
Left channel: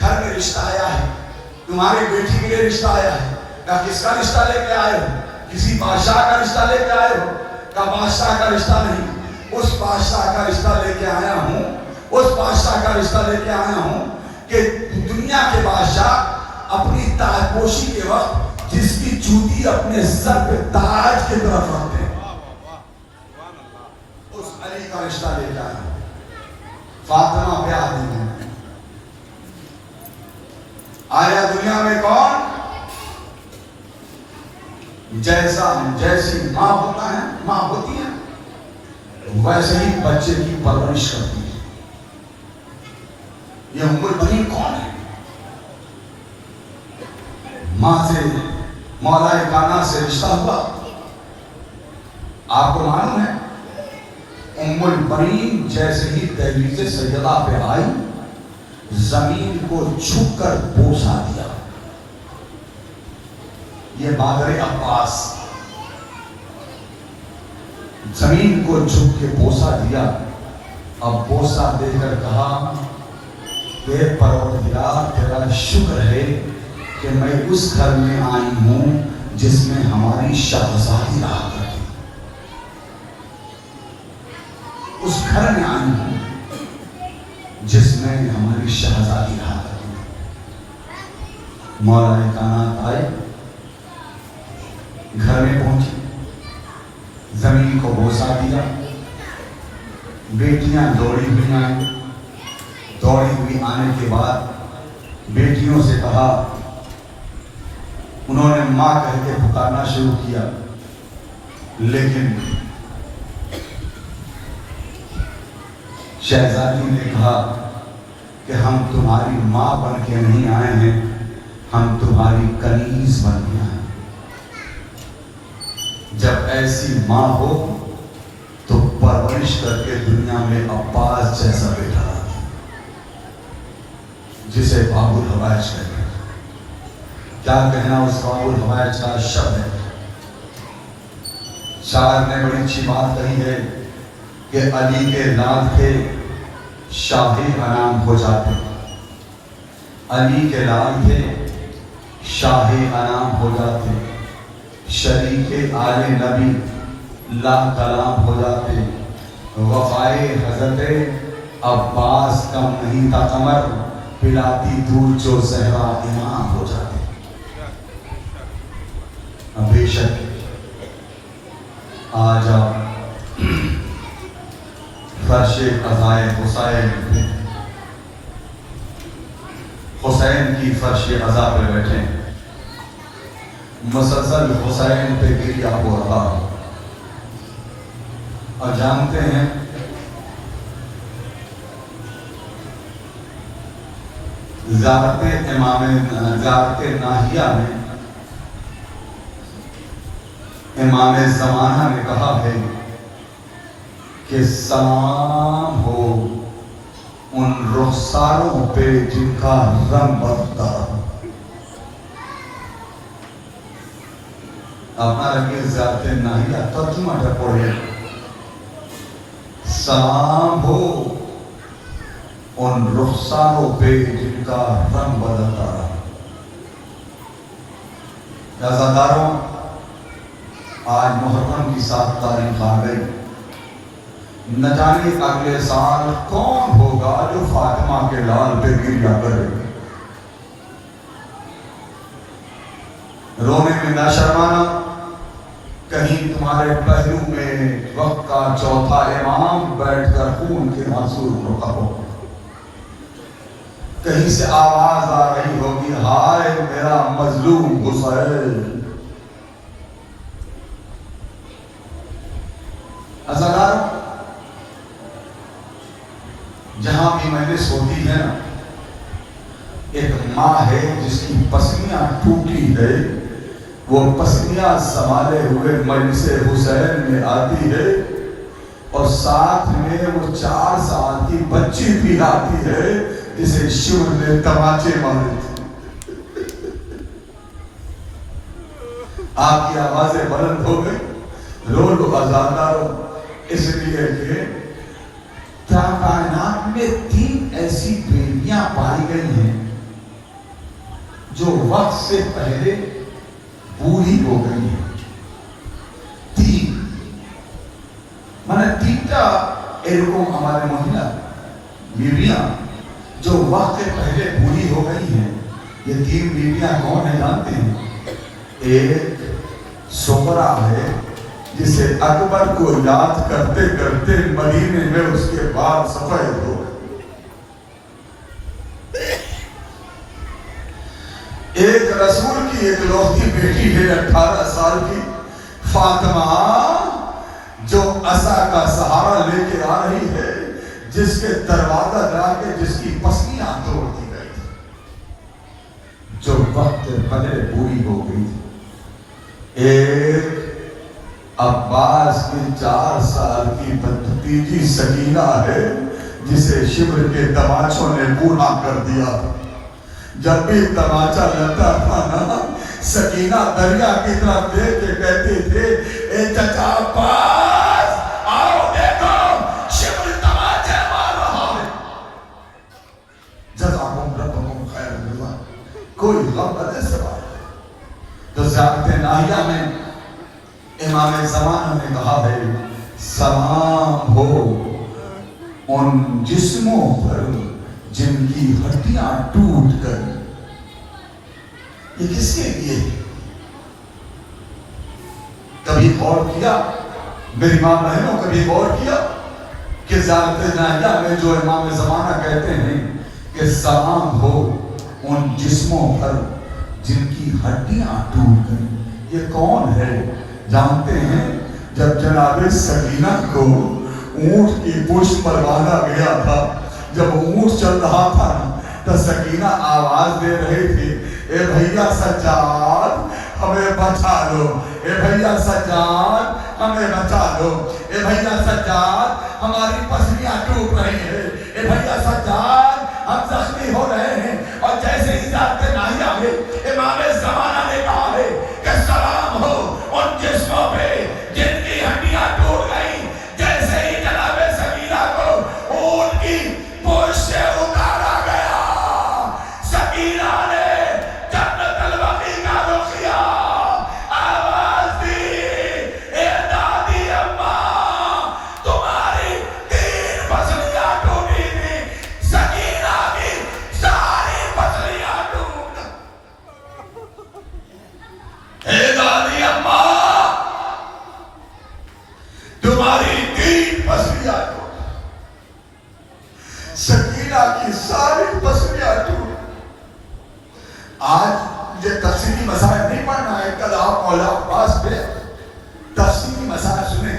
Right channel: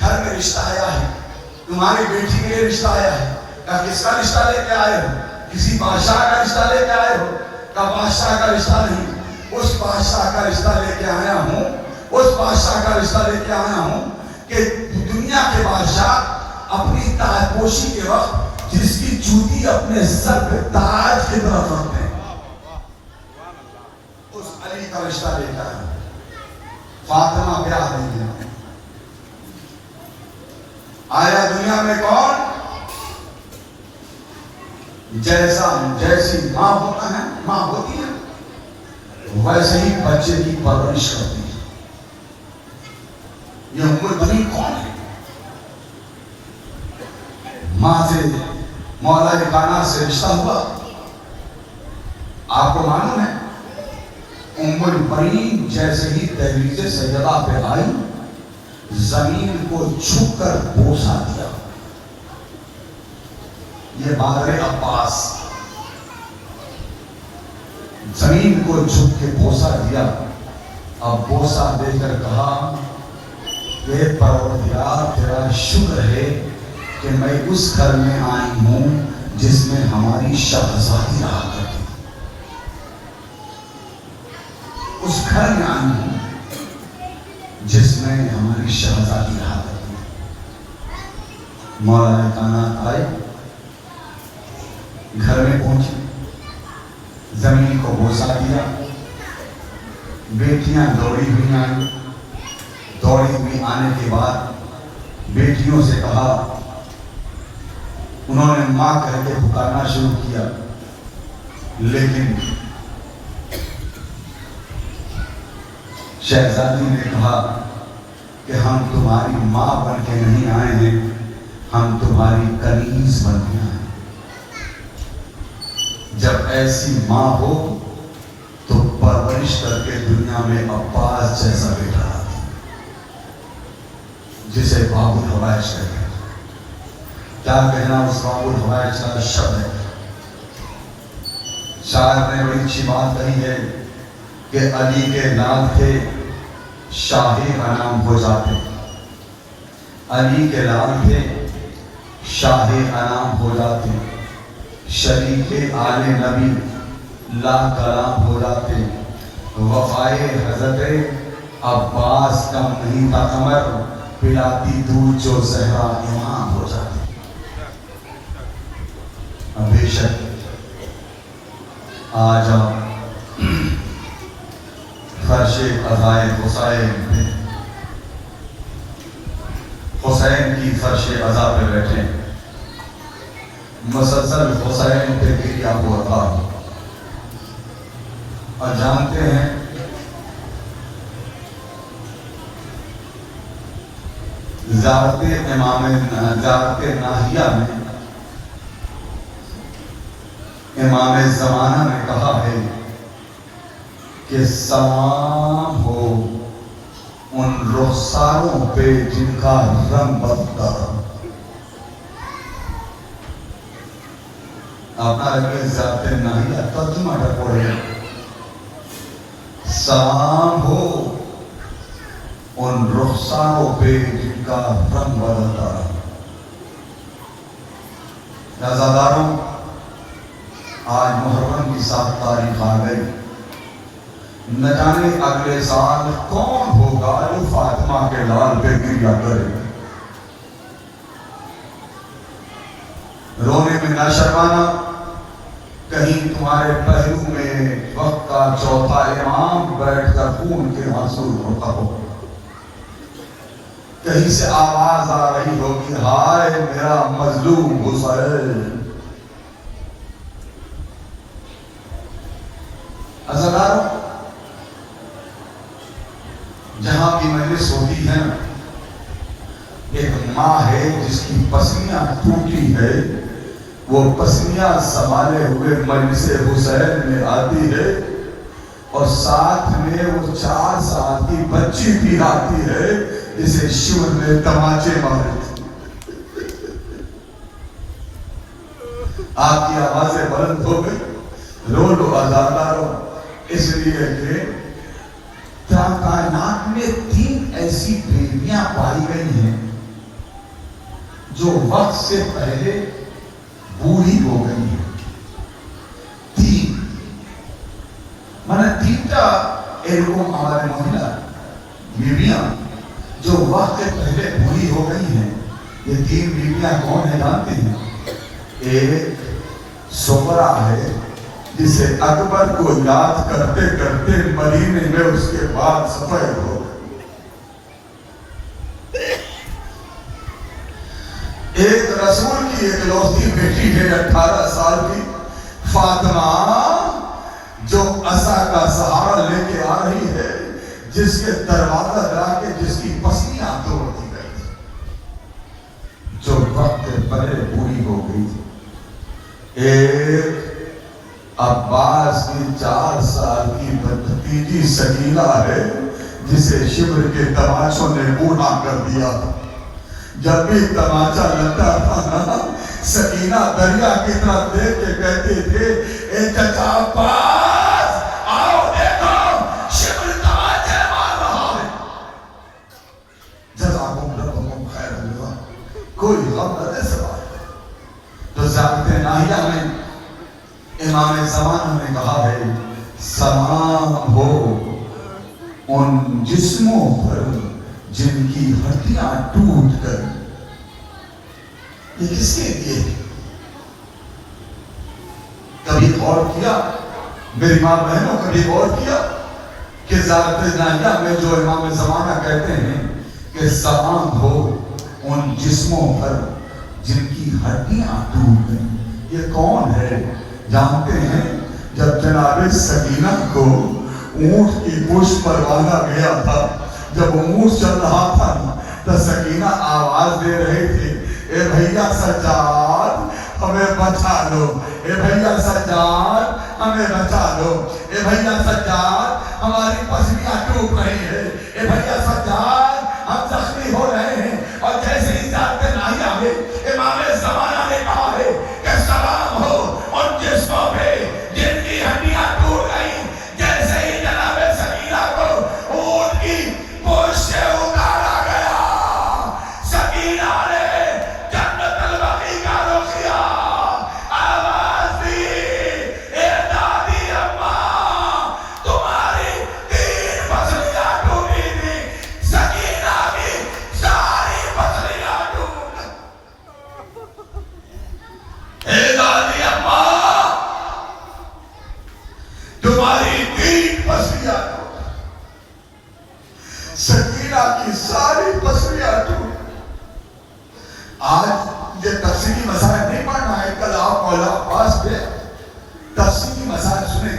گھر میں رشتہ آیا ہے، تمہاری بیٹی کے لیے رشتہ آیا ہے۔ کہا کس کا رشتہ لے کے آئے ہو؟ کسی بادشاہ کا رشتہ لے کے آئے ہو؟ کہا بادشاہ کا رشتہ نہیں، اس بادشاہ کا رشتہ لے کے آیا ہوں، اس بادشاہ کا رشتہ لے کے آیا ہوں کہ دنیا کے بادشاہ اپنی تاج پوشی کے وقت جس کی جوتی اپنے سر پہ تاج کی طرف رکھتے ہیں، اس علی کا رشتہ لے کے آیا ہوں۔ فاطمہ بیاہ نہیں ہے۔ آیا دنیا میں کون؟ جیسی ماں ہوتا ہے، ماں ہوتی ہے، ویسے ہی بچے کی پرورش کرتی ہے۔ یہ ام البنین کون ہے؟ ماں سے مولا کائنات سے رشتہ ہوا۔ آپ کو معلوم ہے ام البنین جیسے ہی دہلیز سیدہ پہ آئی، زمین کو چھپ کر بوسا دیا۔ یہ مادر عباس زمین کو چھپ کے بوسا دیا۔ اب بوسا دے کر کہا کہ پروردگار تیرا شکر ہے کہ میں اس گھر میں آئی ہوں جس میں ہماری شہزادی رہا کرتی، اس گھر میں آئی ہوں جس میں ہماری شہزادی رہا کرتی۔ مولا کائنات آئے، گھر میں پہنچی، زمین کو بوسا دیا۔ بیٹیاں دوڑی ہوئی آئیں، دوڑی ہوئی آنے کے بعد بیٹیوں سے کہا، انہوں نے ماں کہہ کے پکارنا شروع کیا، لیکن شہزادی نے کہا کہ ہم تمہاری ماں بن کے نہیں آئے ہیں، ہم تمہاری کنیز بن کے آئے ہیں۔ جب ایسی ماں ہو تو پرورش کر کے دنیا میں عباس جیسا بیٹا رہا، جسے باب الحوائج کہتے ہیں۔ کیا کہنا اس باب الحوائج کا شب ہے۔ شاعر نے بڑی اچھی بات کہی ہے کہ علی کے لال تھے شاہی انعام ہو جاتے، علی کے لال تھے شاہی انعام ہو جاتے، شریک آل نبی لا کلام ہو جاتے، وفائے حضرت عباس کم نہیں تھا قمر، پلاتی دودھ جو زہرا امام ہو جاتے۔ بے شک آج آپ فرش قضائے حسین پہ، حسین کی فرش قضا پہ بیٹھے، مسلسل حسین پہ گریا ہوا تھا۔ اور جانتے ہیں زیارت ناہیہ میں امام زمانہ نے کہا ہے کہ سلام ہو ان رخساروں پہ جن کا رنگ بدتا۔ اپنا لگے زیارت ناہیہ ترجمہ پڑھے، سلام ہو ان رخساروں پہ جن کا رنگ بدلتا رہا۔ رضاداروں، آج محرم کی 7 تاریخ آ گئی، نہ جانے اگلے سال کون ہوگا جو فاتح ماں کے لال پہ گر جا کرے. رونے میں نہ شرمانا. کہیں تمہارے پہلو میں وقت کا چوتھا امام بیٹھ کر خون کے آنسو روتا ہو. کہیں سے آواز آ رہی ہوگی ہائے میرا مظلوم حسین. ازادار جہاں بھی میں نے سوچی ہے نا، ایک ماں ہے جس کی پسلیاں ٹوٹی ہے، وہ پسلیاں سنبھالے ہوئے مجلس حسین میں آتی ہے اور ساتھ میں وہ 4 سال کی بچی بھی آتی ہے جسے شیو نے تماچے مارے تھے. آپ کی آوازیں بلند ہو گئی. رو لو ازاداروں، اس لیے کہ کائنات میں 3 ایسی بیویاں پائی گئی ہیں جو وقت سے پہلے بوڑھی ہو گئی ہیں. 3 تینٹا ایرکم ہمارے مہیلا بیویاں جو وقت سے پہلے بوڑھی ہو گئی ہیں. یہ 3 بیویاں کون ہیں جانتے ہیں؟ ایک سغرا ہے جسے اکبر کو یاد کرتے کرتے مدینے میں اس کے بعد سفید ہو. ایک رسول کی ایک لوتی بیٹی ہے 18 سال کی فاطمہ، جو عصا کا سہارا لے کے آ رہی ہے، جس کے دروازہ جا کے جس کی پسلیاں توڑ دی گئی تھی، جو وقت پہلے پوری ہو گئی تھی. ایک عباس کی 4 سال کی بھتیجی سکینہ ہے جسے شبر کے تماچوں نے بوڑھا کر دیا. جب بھی تماچا لگتا تھا نا، سکینہ دریا کی طرف دیکھ کے کہتی تھے اے چچا عباس آؤ دیکھو شبر تماچے مار رہا ہے. جزاکم ربکم خیر اللہ. کوئی غم نہ دے سوا. تو زیادت ناہیہ میں امام زمانہ نے کہا ہے سلام ہو ان جسموں پر جن کی ہڈیاں ٹوٹ کر. یہ کس کے لیے؟ کبھی غور کیا میری ماں بہنوں، کبھی غور کیا کہ زیارت ناہیہ میں جو امام زمانہ کہتے ہیں کہ سلام ہو ان جسموں پر جن کی ہڈیاں ٹوٹ گئیں. یہ کون ہے جانتے ہیں؟ جب جناب سکینہ کو اونٹ کی پشت پر باندھا گیا تھا، جب اونٹ چل رہا تھا تو سکینہ آواز دے رہے تھے اے بھیا سجاد ہمیں بچا لو، اے بھیا سجاد ہمیں بچا لو، اے بھیا سجاد ہماری پسلیاں ٹوٹ رہی ہیں، اے بھیا سجاد ہم زخمی ہو رہے ہیں. اور جیسے ہی زیارت ناہیہ میں امام زمانہ نے کہا ہے کہ سلام ہو ان جسموں پہ جن کی ہڈیاں ٹوٹ گئیں، جیسے ہی جناب سکینہ کو اونٹ کی پشت سے اتارا گیا، سکینہ نے جنت البقیع کا رخ کیا، آواز دی اے دادی اماں تمہاری 3 پسلیاں ٹوٹی تھی. سکینہ کی ساری پسلیاں ٹوٹ. اے دادی اماں تمہاری 3 پسلیاں ٹوٹ. سکینہ کی ساری پسلیاں ٹوٹ. آج یہ تفصیلی مسائل نہیں پڑھنا ہے، کل آپ مولا عباس پہ تفصیلی مسائل سنیں،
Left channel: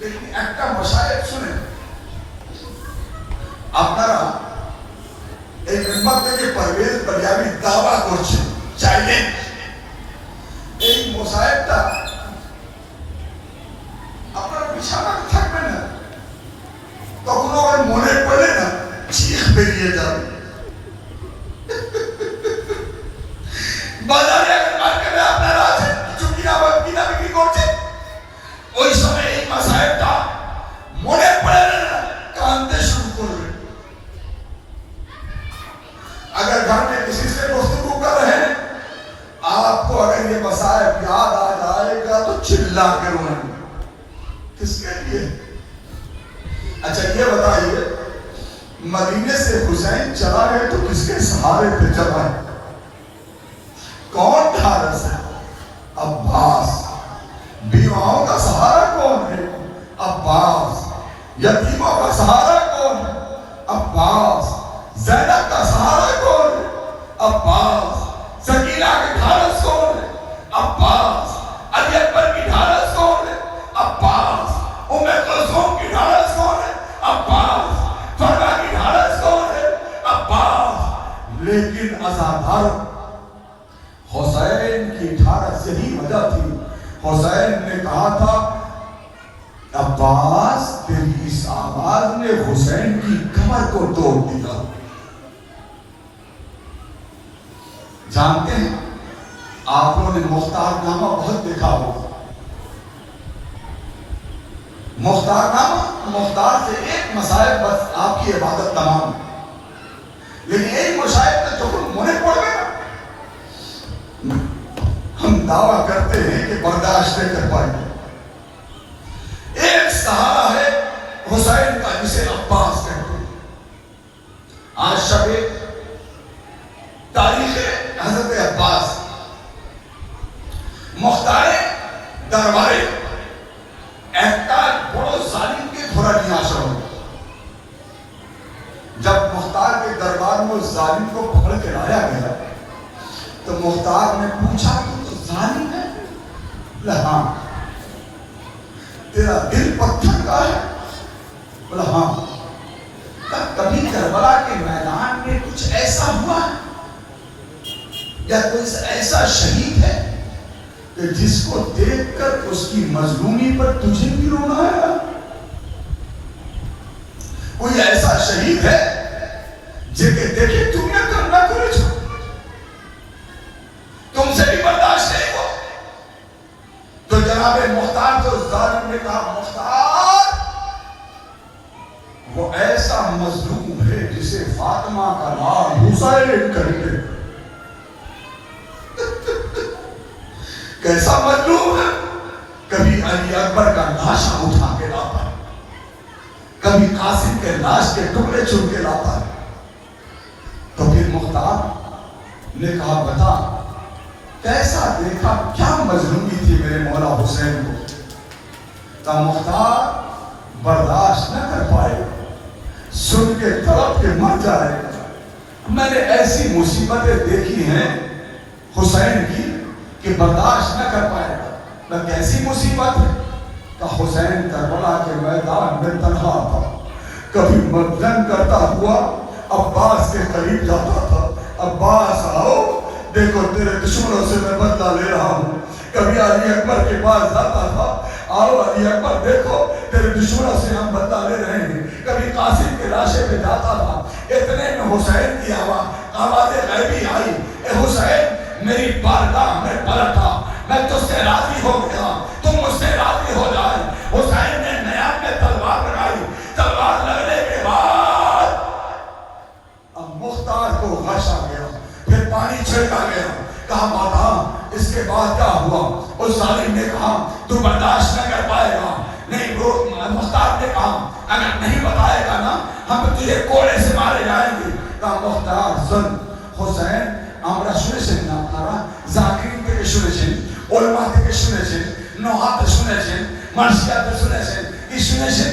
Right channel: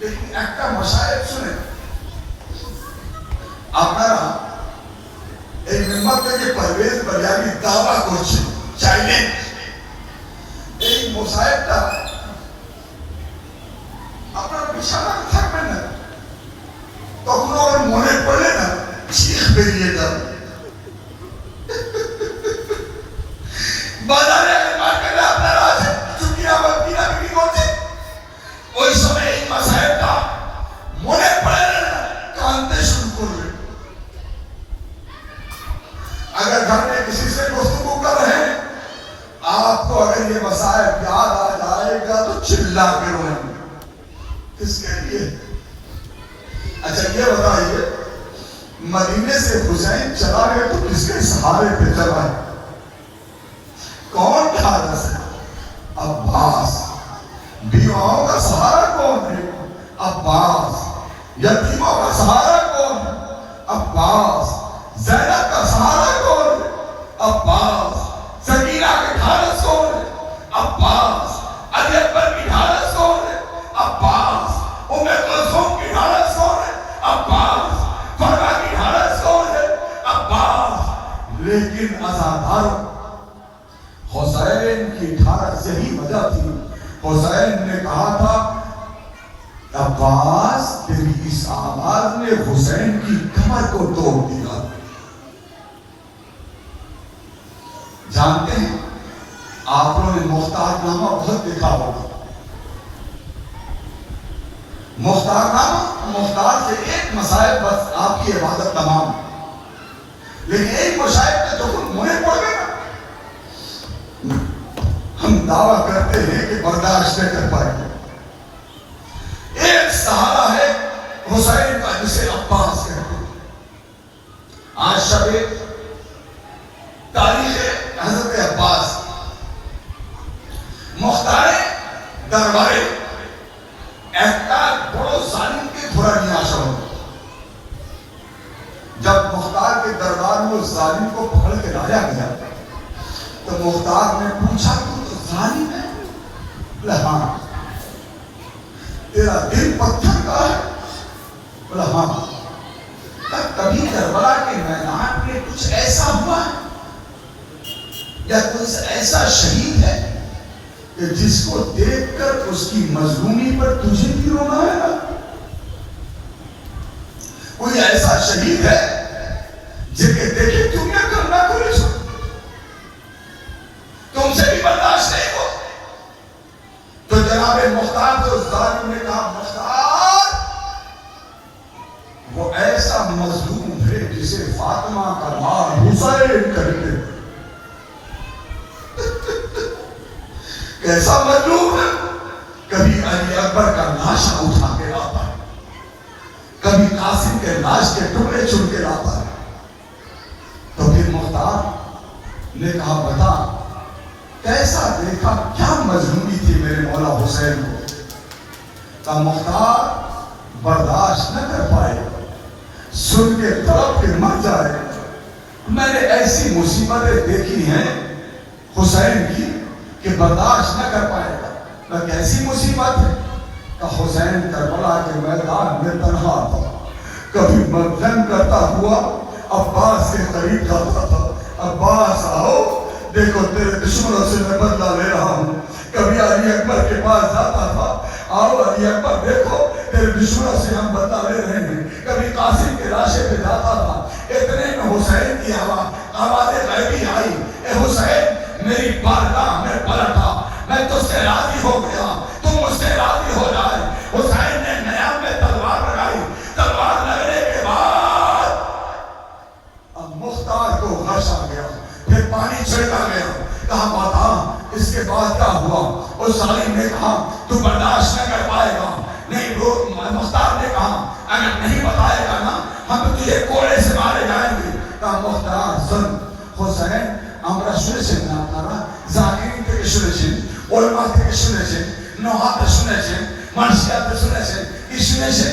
لیکن ایک مسائل سنیں. আপনারা এই মেম্বার থেকে পারভেজ বাজারি দাবা করছেন চাইলেন এই মোসায়েবটা আপনারা বিছানায় থাকবেন না, তখন আবার মনে পড়ে না চিখ বেরিয়ে যাবে. বাজারে মার্কেটে আপনারা আছেন কিছু কিনা বিক্রি করছেন, ওই সময় এই মোসায়েবটা মনে পড়ে না, কাঁদতে শুরু করবেন. اگر گھر میں کسی سے گفتگو کر رہے ہیں آپ کو اگر یہ مصائب یاد آ جائے گا تو چلا کے روئیں گے. کس کے لیے؟ اچھا یہ بتائیے مدینے سے حسین چلا گئے تو کس کے سہارے پہ چلا ہے؟ کون ڈھارس ہے؟ عباس۔ بیواؤں کا سہارا کون ہے؟ عباس۔ یتیموں کا سہارا کون ہے؟ عباس۔ زینب کا سہارا کون ہے؟ عباس۔ سکینہ کی ڈھارس کون ہے؟ عباس۔ علی اکبر کی ڈھارس کون ہے؟ عباس۔ ام کلثوم کی ڈھارس کون ہے؟ عباس۔ فرقہ کی ڈھارس کون ہے؟ عباس۔ لیکن عزادار حسین کی ڈھارس یہی وجہ تھی۔ حسین نے کہا تھا عباس تیری اس آواز نے حسین کی کمر کو توڑ دیا۔ جانتے ہیں آپ لوگوں نے مختار نامہ بہت دیکھا ہوگا۔ مختار نامہ، مختار سے ایک مسائل بس آپ کی عبادت تمام، لیکن ایک مسائل نے تو منہ پڑ گیا۔ ہم دعویٰ کرتے ہیں کہ برداشت نہیں کر پائیں گے۔ ایک سہارا ہے حسین کا جسے عباس کہتے ہیں۔ آج شب تاریخ حضرت عباس مختار درباری احکار بڑو ظالم کے بھرانی آشا ہو۔ جب مختار کے دربار میں اس ظالم کو پکڑ کے لایا گیا تو مختار نے پوچھا تو ظالم ہے؟ بولا ہاں۔ تیرا دل پتھر کا ہے؟ بولا ہاں۔ کبھی کربلا کے میدان میں کچھ ایسا ہوا ہے یا کوئی ایسا شہید ہے کہ جس کو دیکھ کر اس کی مظلومی پر تجھے بھی رونا ہے؟ کوئی ایسا شہید ہے جسے دیکھے تم نے کرنا کرے چھو تم سے بھی برداشت نہیں ہو؟ تو جناب مختار تو ظالم نے کہا مختار وہ ایسا مظلوم ہے جسے فاطمہ کا نام حسین کہتے۔ کیسا مظلوم ہے؟ کبھی علی اکبر کا لاشا اٹھا کے لاتا، کبھی قاسم کے لاش کے ٹکڑے چن کے لاتا۔ تو پھر مختار نے کہا بتا کیسا دیکھا، کیا مظلومی تھی میرے مولا حسین کو؟ تا مختار برداشت نہ کر پائے، سن کے تڑپ کے مر جائے۔ میں نے ایسی مصیبتیں دیکھی ہیں حسین کی کہ برداشت نہ کر پائے گا۔ کیسی مصیبت ہے؟ کہ حسین کربلا کے میدان میں تنہا تھا، کبھی جنگ کرتا ہوا عباس کے قریب جاتا تھا، عباس آؤ دیکھو تیرے دشمنوں سے میں بدلہ لے رہا ہوں۔ کبھی علی اکبر کے پاس جاتا تھا، آؤ علی اکبر دیکھو تیرے دشمنوں سے ہم بدلہ لے رہے ہیں۔ کبھی قاسم کے لاشے پہ جاتا تھا۔ اتنے میں حسین کی آواز غیبی آئی، اے حسین میری بارگاہ میں پلٹا، میں تجھ سے راضی ہو گیا، تم مجھ سے راضی ہو جائے۔ حسین نے نیام میں تلوار لگائی، تلوار لگنے کے بعد اب مختار کو غش آ گیا، پھر پانی چھڑکا گیا۔ کہا ماتا اس کے بعد کیا ہوا؟ اس ظالم نے کہا تو برداشت نہ کر پائے گا۔ نہیں مختار نے کہا اگر نہیں بتائے گا نا ہم تجھے کوڑے سے مارے جائیں گے۔ کہا مختار سن حسین আমরা শুনেছেন না আপনারা জাকির থেকে শুনেছেন, ওলামা থেকে শুনেছেন, নওয়াতে শুনেছেন, মার্শিয়াতে শুনেছেন, কি শুনেছেন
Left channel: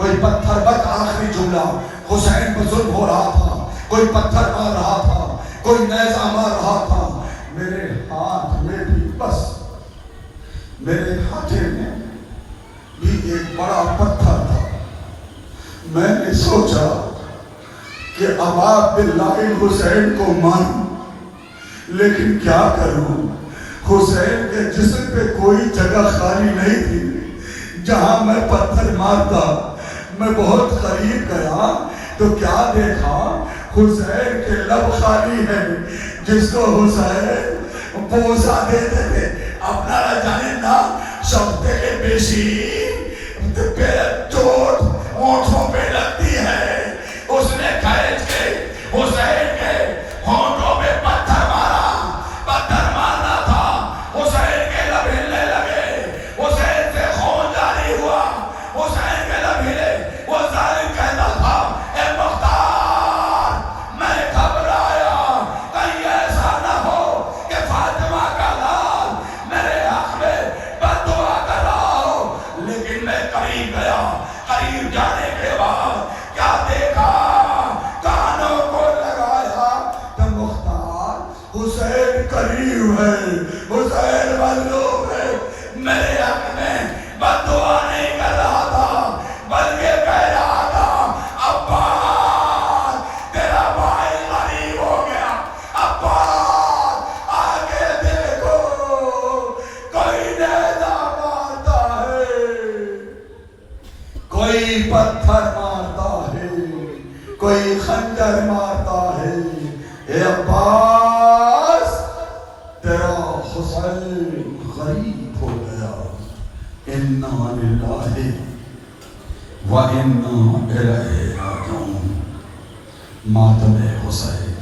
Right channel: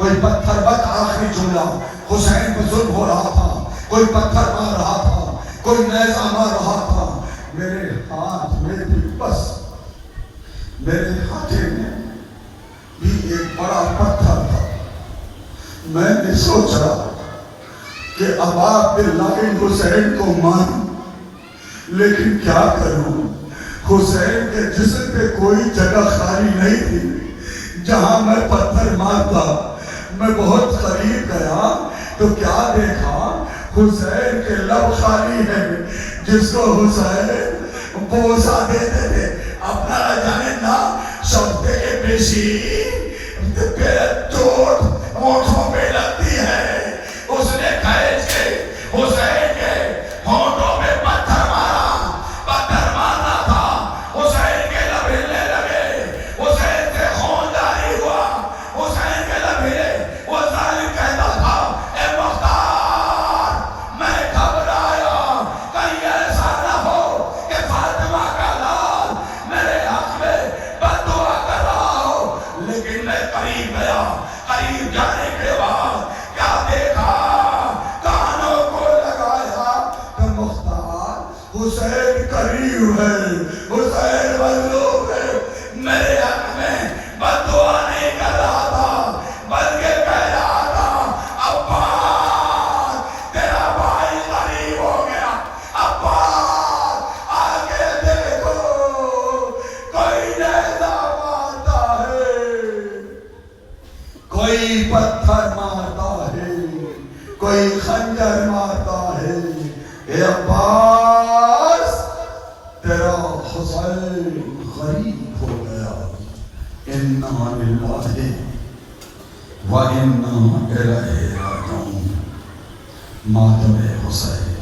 کوئی پتھر بس آخری جملہ حسین کو ظلم ہو رہا تھا, کوئی پتھر مار رہا تھا, کوئی نیزہ مار رہا تھا, میرے ہاتھ میں بھی بس میرے ہاتھے میں بھی ایک بڑا پتھر تھا. میں نے سوچا کہ اب آپ باللہ حسین کو مانوں, لیکن کیا کروں, حسین کے جسم پہ کوئی جگہ خالی نہیں تھی جہاں میں پتھر مارتا. میں بہت قریب گیا تو کیا دیکھا, حسین کے لب خالی ہے جس کو حسین بوسہ دیتے تھے. اپنا نہ جانے نا شبدے کے پیشی پہ چوٹ ہونٹوں پہ لگتی ہے. اس نے کھینچ کے حسین کے ہونٹوں میں پتھر مارا. پتھر مارنا تھا, حسین کے لب ہلنے لگے, حسین سے خون جاری ہوا, حسین کے لب ہلے. وہ ظالم کہتا تھا اے مختار میں گھبرایا کہیں ایسا نہ ہو کہ فاطمہ کا لال میرے حق میں بد دعا کر رہا ہو. لیکن میں قریب گیا, قریب جانے کے بعد کیا دیکھا, کانوں کو لگایا کہ مختار حسین قریب ہے, حسین مظلوم ہے. میرے حق میں بد دعا نہیں کر رہا تھا بلکہ کہہ رہا تھا عباس تیرا بھائی غریب ہو گیا. عباس آگے دیکھو کوئی نیزہ مارتا ہے, کوئی پتھر مارتا ہے, کوئی خنجر مارتا ہے. اے عباس تیرا حسین غریب ہو گیا. انا للہ و انا الیہ راجعون. ماتم حسین.